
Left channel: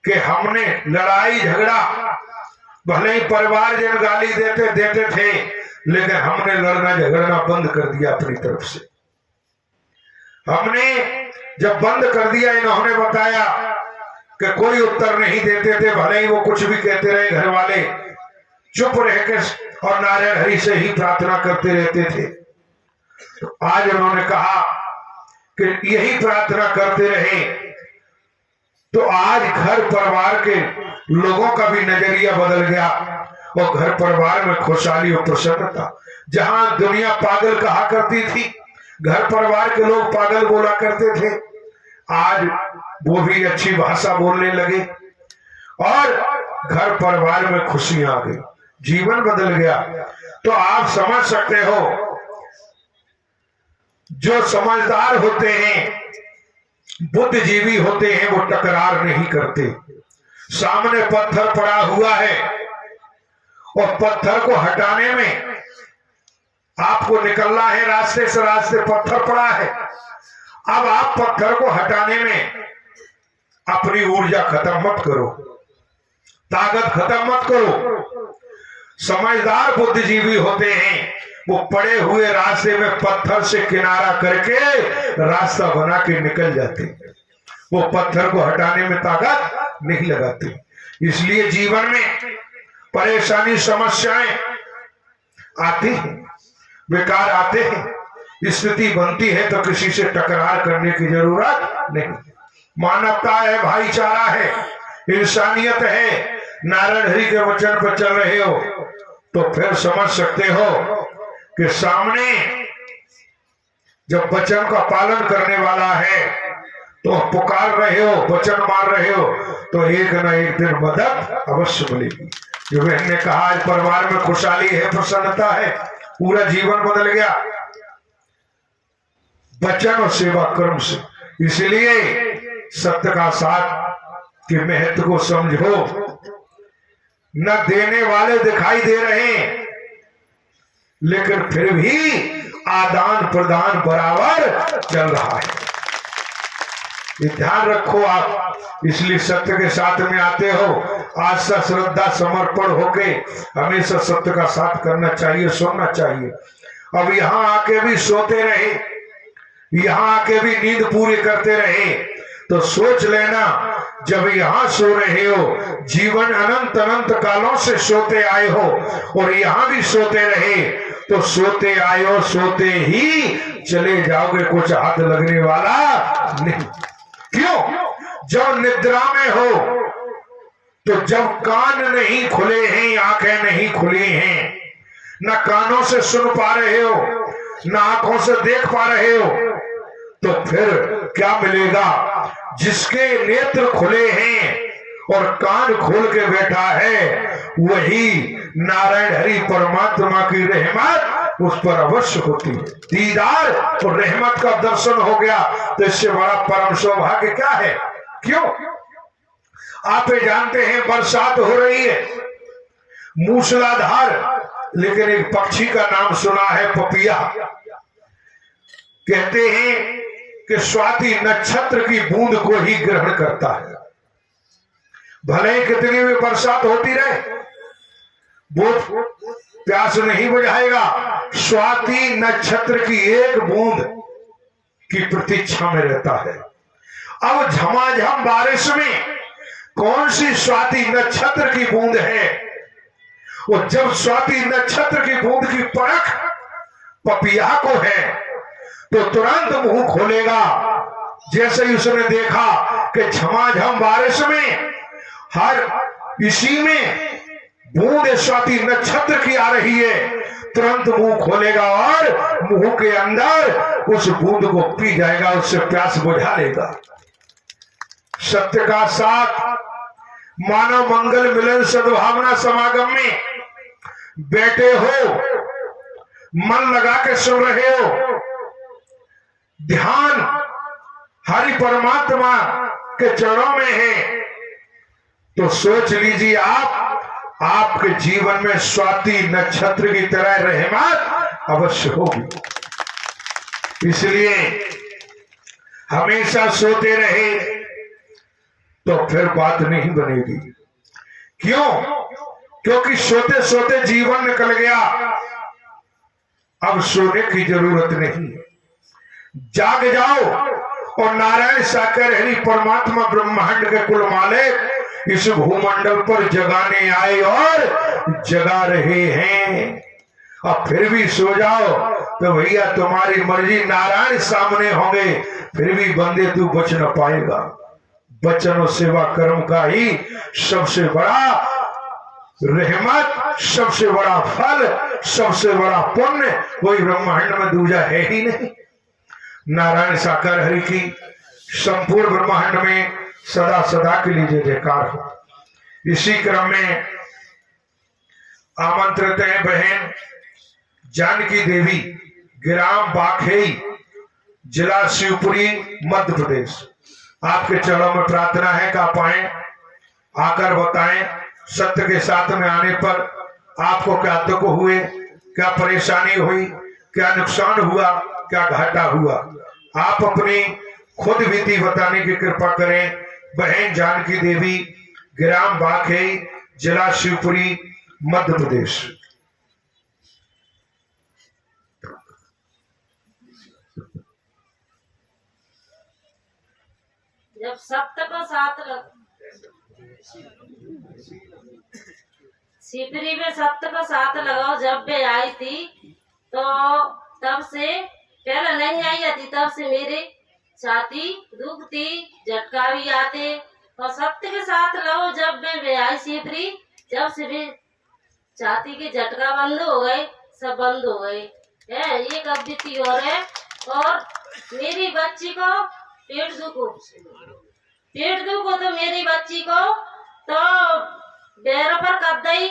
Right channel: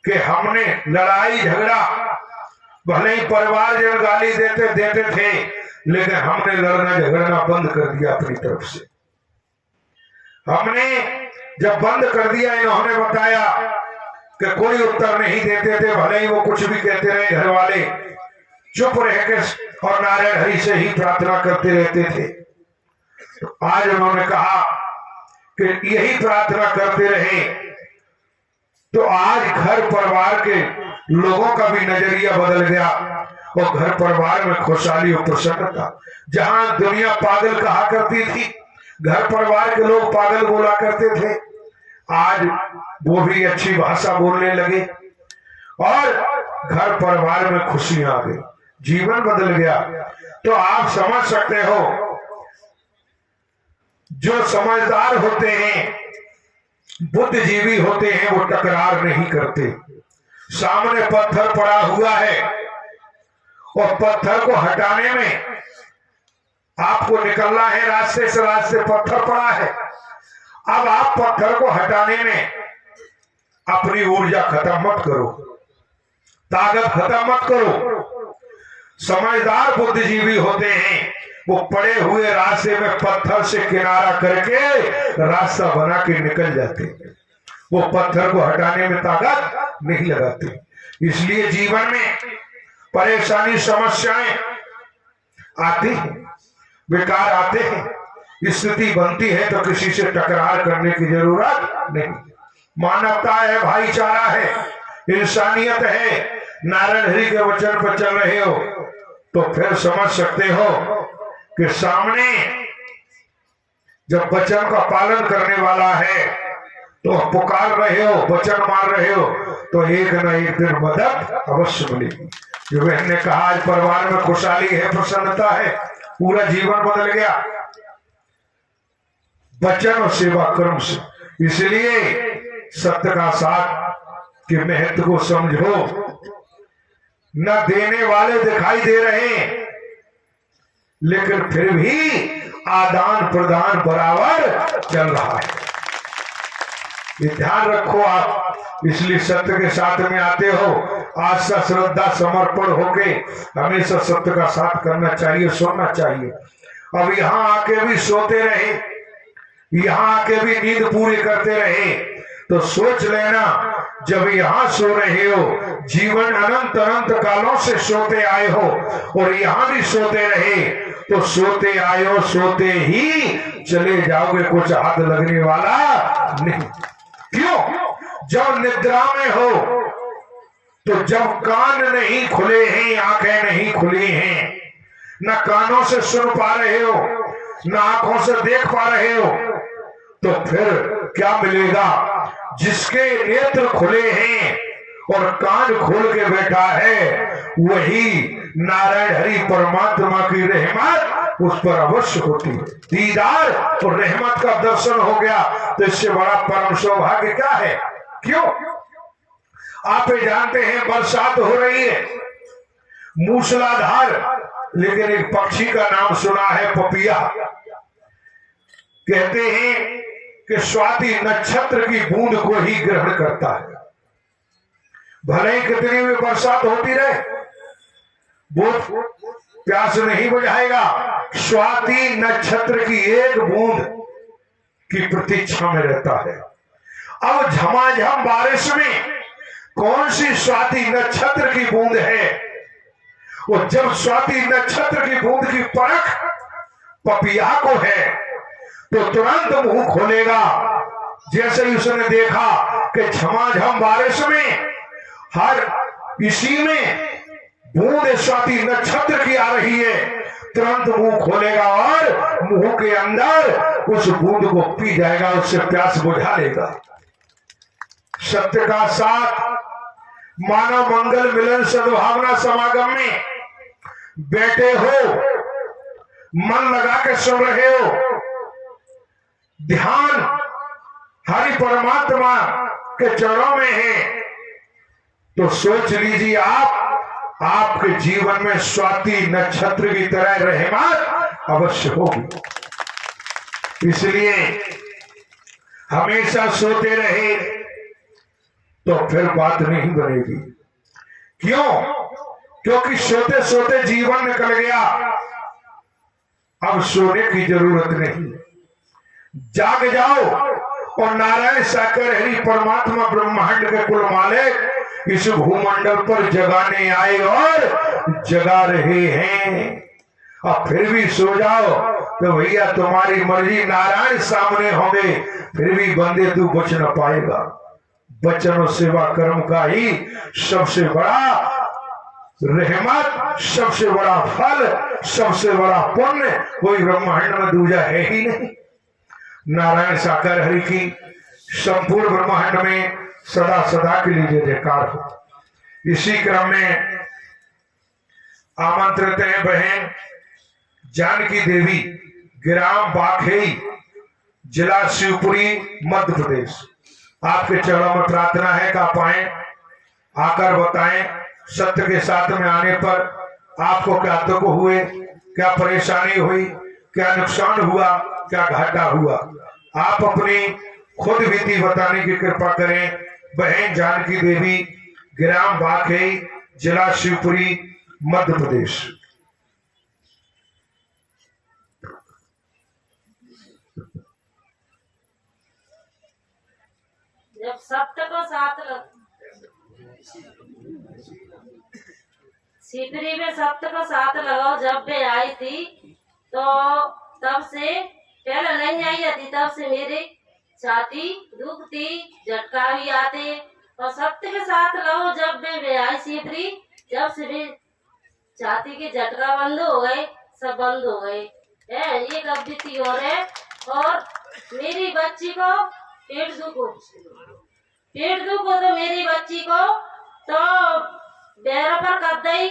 कि हमने लड़ाई झगड़ा, भले ही परिवार जन गाली देते थे, लेकिन हमने लड़ना झगड़ना बंद कर दिया अपनी तरफ से। हमने जब बंद कर दिया, इन्होंने बताया कि कोई उत्तर नहीं देते थे, भले ही वो कुछ भी कहते रहे, घर वाले चुप रह के और नारायण हरि से ही प्रार्थना करते रहते थे। तो आज उन्होंने कहा कि यही प्रार्थना करते रहे तो आज घर परिवार के लोगों का भी नजरिया बदल गया और घर परिवार में खुशहाली और प्रसन्नता। जहां दुनिया पागल कहा करती थी, घर परिवार के लोग पागल बोला करते थे, आज वो भी अच्छी भाषा बोलने लगे और घर परिवार में खुशियां आ गई, जीवन बदल गया। तो आप समझ सकते हो, जो समझदार होते हैं, बुद्धिजीवी होते हैं, वो टकरार नहीं करते। सामने पत्थर पड़ा हुआ है और पत्थर को हटाने में आपको निकलना है रास्ते से, रास्ते पत्थर पड़ा है। अब आप पत्थर को हटाने में अपनी ऊर्जा खत्म मत करो, ताकत खत्म मत करो। समझदार बुद्धिजीवी होते हैं, वो पड़े हुए रास्ते में पत्थर से किनारा करके रास्ता बना के निकल जाते, वो पत्थर को हटाने में ताकत नहीं लगाते। इसलिए जीवन में परेशानी समस्याएं आती हैं, विकार आते हैं, स्थिति बनती है, तो किसी से टकरार करने की जरूरत नहीं। मानवता है, भाईचारा है, इंसानियत है, नारायण हरि के वचन पर चल रहे हो तो फिर समझ सकते हो कि सामने जब वचन का पालन करने वाला है तो पुकार रहे हो, वचन मान रहे हो, तो एक न एक दिन मदद अवश्य मिलेगी। जो बहन ने कहा आज परिवार में खुशहाली है, प्रसन्नता है, पूरा जीवन बदल गया वचन और सेवा कर्म से। इसलिए सत्य का साथ के महत्व को समझो। न देने वाले दिखाई दे रहे हैं, लेकिन फिर भी आदान प्रदान बराबर चल रहा है, ये ध्यान रखो आप। इसलिए सत्य के साथ में आते हो, आस्था श्रद्धा समर्पण होके हमेशा सत्य का साथ करना चाहिए, सुनना चाहिए। अब यहाँ आके भी सोते रहे, यहाँ आके भी नींद पूरी करते रहे, तो सोच लेना जब यहाँ सो रहे हो, जीवन अनंत अनंत कालों से सोते आए हो और यहाँ भी सोते रहे, तो सोते आए हो, सोते ही चले जाओगे, कुछ हाथ लगने वाला नहीं। क्यों? जब निद्रा में हो, तो जब कान नहीं खुले हैं, आंखें नहीं खुली हैं, न कानों से सुन पा रहे हो, न आंखों से देख पा रहे हो, तो फिर क्या मिलेगा? जिसके नेत्र खुले हैं और कान खोल के बैठा है, वही नारायण हरि परमात्मा की रहमत उस पर अवश्य होती है। दीदार और रहमत का दर्शन हो गया तो इससे बड़ा परम सौभाग्य क्या है? क्यों? आप जानते हैं बरसात हो रही है मूसलाधार, लेकिन एक पक्षी का नाम सुना है पपिया। कहते हैं कि स्वाति नक्षत्र की बूंद को ही ग्रहण करता है। भले ही कितनी भी बरसात होती रहे, वो प्यास नहीं बुझाएगा। स्वाति नक्षत्र की एक बूंद की प्रतीक्षा में रहता है। अब झमाझम बारिश में कौन सी स्वाति नक्षत्र की बूंद है? वो जब स्वाति नक्षत्र की बूंद की परख पपिया को है, तो तुरंत मुंह खोलेगा। जैसे ही उसने देखा कि झमाझम बारिश में हर इसी में बूंद स्वाति नक्षत्र की आ रही है, तुरंत मुंह खोलेगा और मुंह के अंदर उस बूंद को पी जाएगा, उससे प्यास बुझा लेगा। सत्य का साथ मानव मंगल मिलन सद्भावना समागम में बैठे हो, मन लगा के सुन रहे हो, ध्यान हरि परमात्मा के चरणों में है, तो सोच लीजिए आप आपके जीवन में स्वाति नक्षत्र की तरह रहमत अवश्य होगी। इसलिए हमेशा सोते रहे तो फिर बात नहीं बनेगी। क्यों? क्योंकि सोते सोते जीवन निकल गया, अब सोने की जरूरत नहीं। जाग जाओ और नारायण साकर हरि परमात्मा ब्रह्मांड के कुल मालिक इस भूमंडल पर जगाने आए और जगा रहे हैं। अब फिर भी सो जाओ तो भैया तुम्हारी मर्जी, नारायण सामने होंगे, फिर भी बंदे तू बच न पाएगा। वचन और सेवा कर्म का ही सबसे बड़ा रहमत, सबसे बड़ा फल, सबसे बड़ा पुण्य कोई ब्रह्मांड में दूजा है ही नहीं। नारायण साकार हरि की संपूर्ण ब्रह्मांड में सदा सदा के लिए जय जयकार हो। इसी क्रम में आमंत्रित है बहन जानकी देवी, ग्राम बाखेई, जिला शिवपुरी, मध्य प्रदेश। आपके चरणों में प्रार्थना है कि आप आए, आकर बताएं सत्य के साथ में आने पर आपको क्या दुख हुए, क्या परेशानी हुई, क्या नुकसान हुआ, क्या घाटा हुआ। आप अपनी खुद बीती बताने की कृपा करें। बहन जानकी देवी, ग्राम बाखेई, जिला शिवपुरी, मध्य प्रदेश। जब सप्त को साथ सिपरी में सप्त को साथ लगाओ, जब मैं आई थी तो तब से पहले नहीं आई थी, तब से मेरे छाती दुखती, झटका भी आते। और सप्त के साथ लगाओ जब मैं आई सिपरी, जब से भी छाती की झटका बंद हो गए, सब बंद हो गए। ये कब बीती हो रहे। और मेरी बच्ची को पेट दुख हो तो मेरी बच्ची को तो बेरा पर कर दई,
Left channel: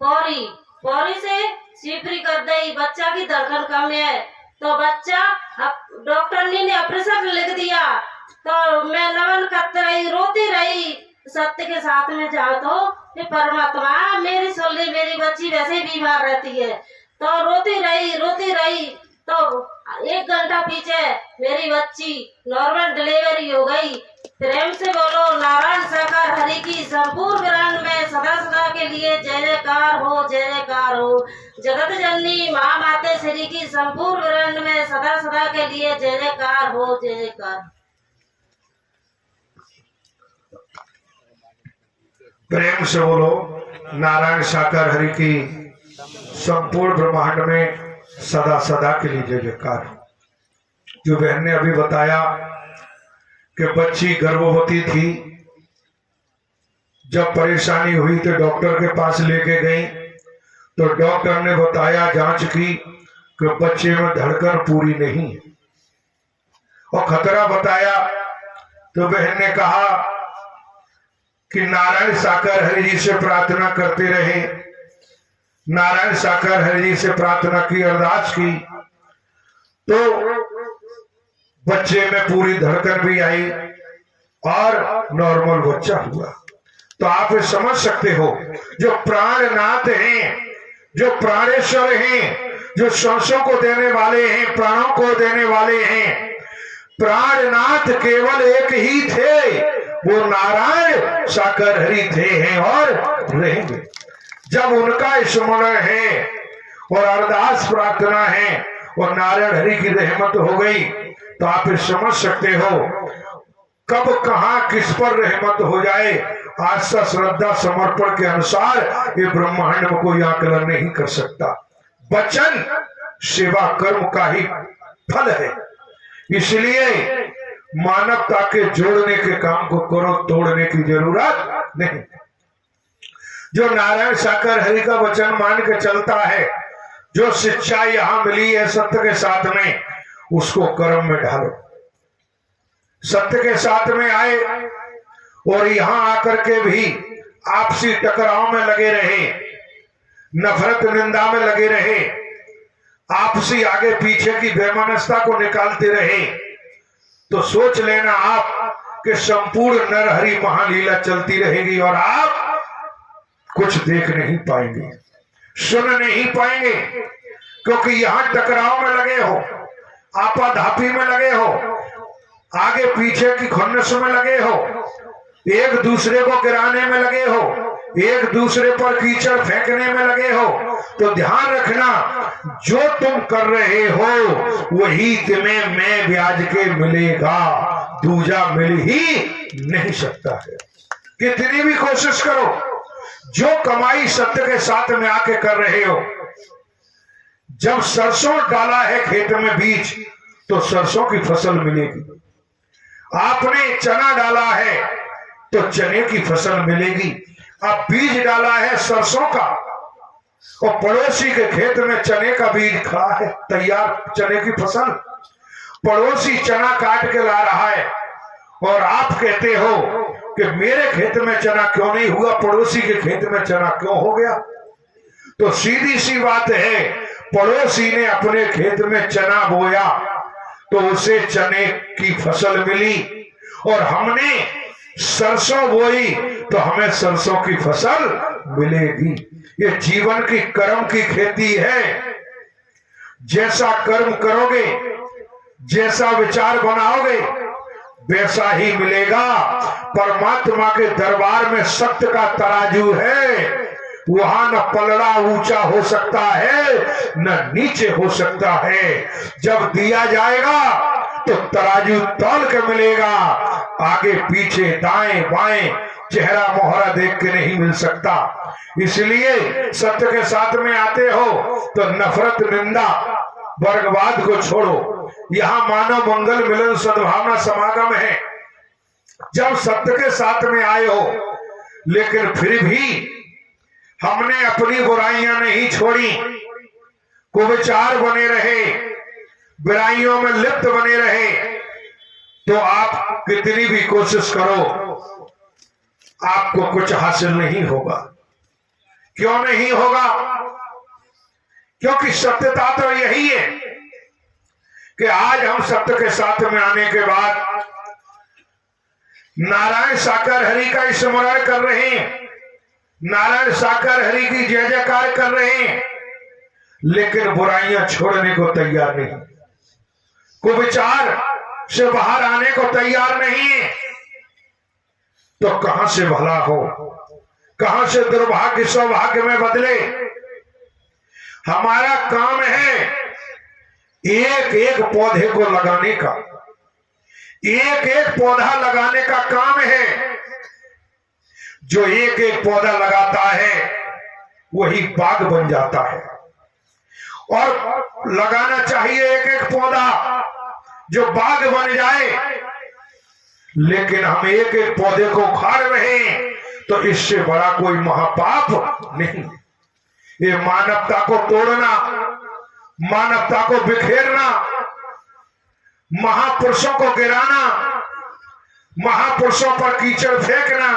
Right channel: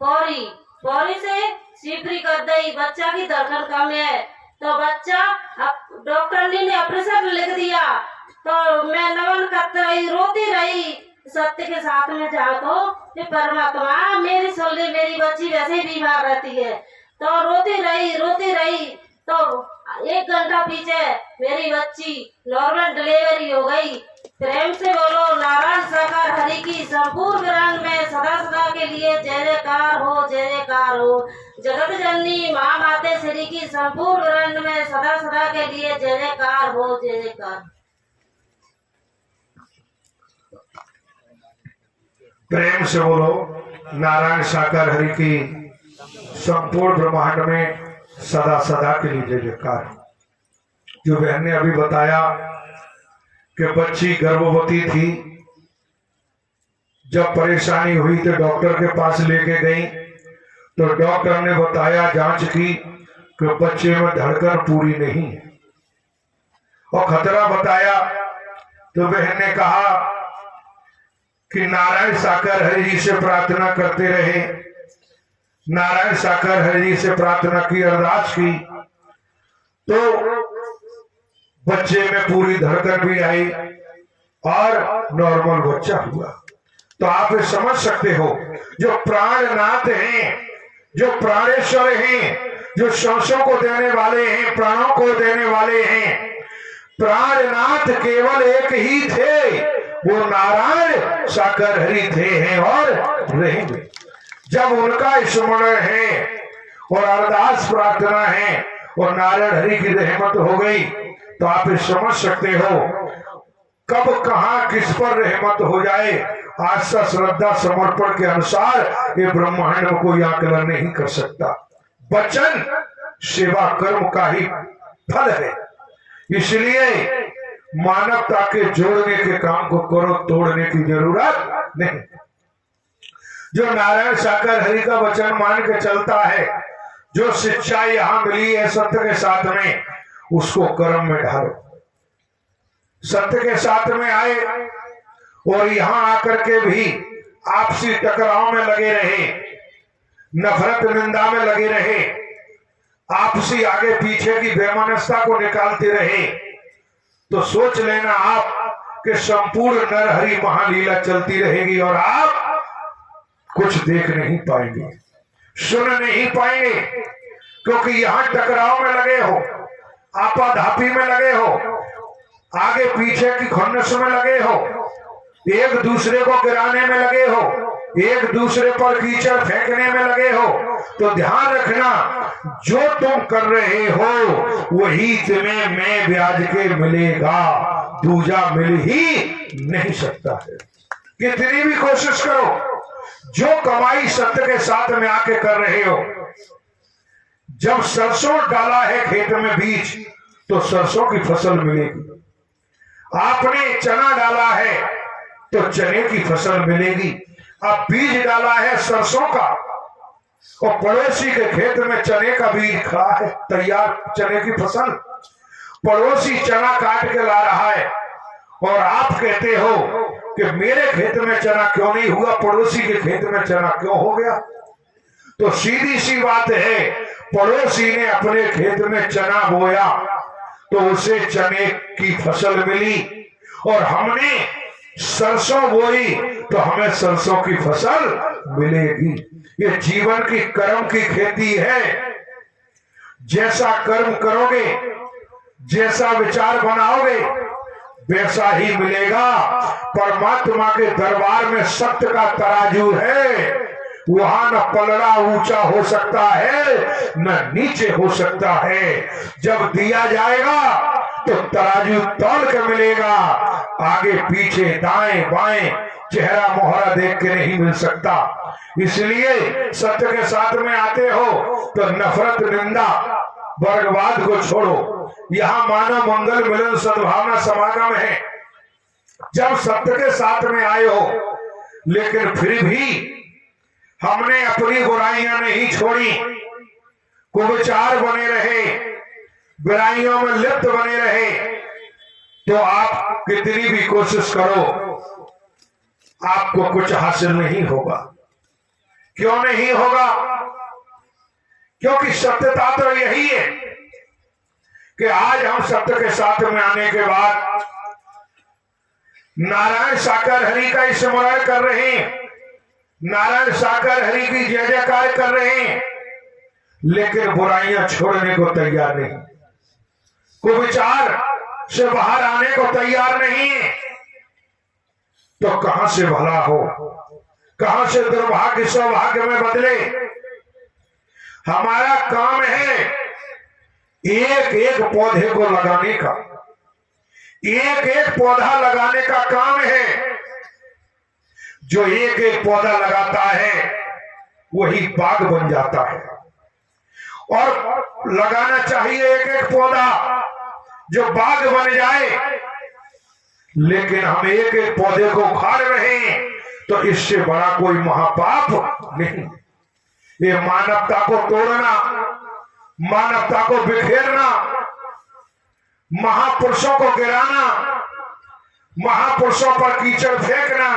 पौरी से सिपरी कर दई। बच्चा की धड़कन कम है तो बच्चा, अब डॉक्टर ने ऑपरेशन लिख दिया तो मैं नमन करती रही, रोती रही। सत्य के साथ में जाओ तो ये परमात्मा मेरी सुन ले, मेरी बच्ची वैसे ही बीमार रहती है। तो रोती रही तो 1 घंटा पीछे मेरी बच्ची नॉर्मल डिलीवरी हो गई। प्रेम से बोलो नारायण साकार हरि की संपूर्ण ब्रह्मांड में सदा सदा के लिए जय जयकार हो, जय जयकार हो। जगत जननी माँ माते श्री की संपूर्ण ब्रह्मांड में सदा सदा के लिए जय जयकार हो, जय जयकार। प्रेम से बोलो नारायण साकार हरि की संपूर्ण ब्रह्मांड में सदा सदा के लिए जय जयकार। जो बहन ने अभी बताया कि बच्ची गर्भवती थी, जब परेशानी हुई तो डॉक्टर के पास लेके गई तो डॉक्टर ने बताया, जांच की कि बच्चे में धड़कन पूरी नहीं है और खतरा बताया। तो बहन ने कहा कि नारायण साकार हरि जी से प्रार्थना करते रहे। नारायण साकार हरि जी से प्रार्थना की, अरदास की तो बच्चे में पूरी धड़कन भी आई और नॉर्मल बच्चा हुआ। तो आप ये समझ सकते हो, जो प्राणनाथ हैं, जो प्राणेश्वर हैं, जो सांसों को देने वाले हैं, प्राणों को देने वाले हैं, प्राणनाथ केवल एक ही थे, वो नारायण साकार हरि थे, हैं और रहेंगे। जब उनका स्मरण है और अरदास प्रार्थना है और नारायण हरि की रहमत हो गई तो आप समझ सकते हो कब कहां किस पर रहमत हो जाए। आस्था श्रद्धा समर्पण के अनुसार ये ब्रह्मांड में कोई आकलन नहीं कर सकता। वचन सेवा कर्म का ही फल है। इसलिए मानवता के जोड़ने के काम को करो, तोड़ने की जरूरत नहीं। जो नारायण साकार हरि का वचन मान के चलता है, जो शिक्षा यहां मिली है सत्य के साथ में, उसको कर्म में ढालो। सत्य के साथ में आए और यहां आकर के भी आपसी टकराव में लगे रहे, नफरत निंदा में लगे रहे, आपसी आगे पीछे की बेमनस्ता को निकालते रहे, तो सोच लेना आप कि संपूर्ण नरहरि महालीला चलती रहेगी और आप कुछ देख नहीं पाएंगे, सुन नहीं पाएंगे, क्योंकि यहां टकराव में लगे हो, आपाधापी में लगे हो, आगे पीछे की खुन्नस में लगे हो, एक दूसरे को गिराने में लगे हो, एक दूसरे पर कीचड़ फेंकने में लगे हो। तो ध्यान रखना, जो तुम कर रहे हो वही तुम्हें मैं ब्याज के मिलेगा, दूजा मिल ही नहीं सकता है। कितनी भी कोशिश करो, जो कमाई सत्य के साथ में आके कर रहे हो, जब सरसों डाला है खेत में बीज तो सरसों की फसल मिलेगी, आपने चना डाला है तो चने की फसल मिलेगी। अब बीज डाला है सरसों का और पड़ोसी के खेत में चने का बीज खड़ा है, तैयार चने की फसल, पड़ोसी चना काट के ला रहा है और आप कहते हो कि मेरे खेत में चना क्यों नहीं हुआ, पड़ोसी के खेत में चना क्यों हो गया। तो सीधी सी बात है, पड़ोसी ने अपने खेत में चना बोया तो उसे चने की फसल मिली, और हमने सरसों बोई तो हमें सरसों की फसल मिलेगी। ये जीवन की कर्म की खेती है। जैसा कर्म करोगे, जैसा विचार बनाओगे, वैसा ही मिलेगा। परमात्मा के दरबार में सत्य का तराजू है, वहां न पलड़ा ऊंचा हो सकता है न नीचे हो सकता है। जब दिया जाएगा तो तराजू तौल के मिलेगा, आगे पीछे दाएं बाएं चेहरा मोहरा देख के नहीं मिल सकता। इसलिए सत्य के साथ में आते हो तो नफरत निंदा वर्गवाद को छोड़ो। यहाँ मानव मंगल मिलन सद्भावना समागम है। जब सत्य के साथ में आए हो, लेकिन फिर भी हमने अपनी बुराइयां नहीं छोड़ी, कुविचार बने रहे, बुराइयों में लिप्त बने रहे, तो आप कितनी भी कोशिश करो आपको कुछ हासिल नहीं होगा। क्यों नहीं होगा? क्योंकि सत्यता तो यही है कि आज हम सत्य के साथ में आने के बाद नारायण साकर हरि का स्मरण कर रहे हैं, नारायण साकर हरि की जय जयकार कर रहे हैं, लेकिन बुराइयां छोड़ने को तैयार नहीं, कुविचार से बाहर आने को तैयार नहीं है। तो कहां से भला हो, कहां से दुर्भाग्य सौभाग्य में बदले। हमारा काम है एक एक पौधे को लगाने का, एक एक पौधा लगाने का काम है। जो एक एक पौधा लगाता है वही बाग बन जाता है, और लगाना चाहिए एक एक पौधा जो बाग बन जाए। लेकिन हम एक एक पौधे को उखाड़ रहे हैं, तो इससे बड़ा कोई महापाप नहीं। ये मानवता को तोड़ना, मानवता को बिखेरना, महापुरुषों को गिराना, महापुरुषों पर कीचड़ फेंकना,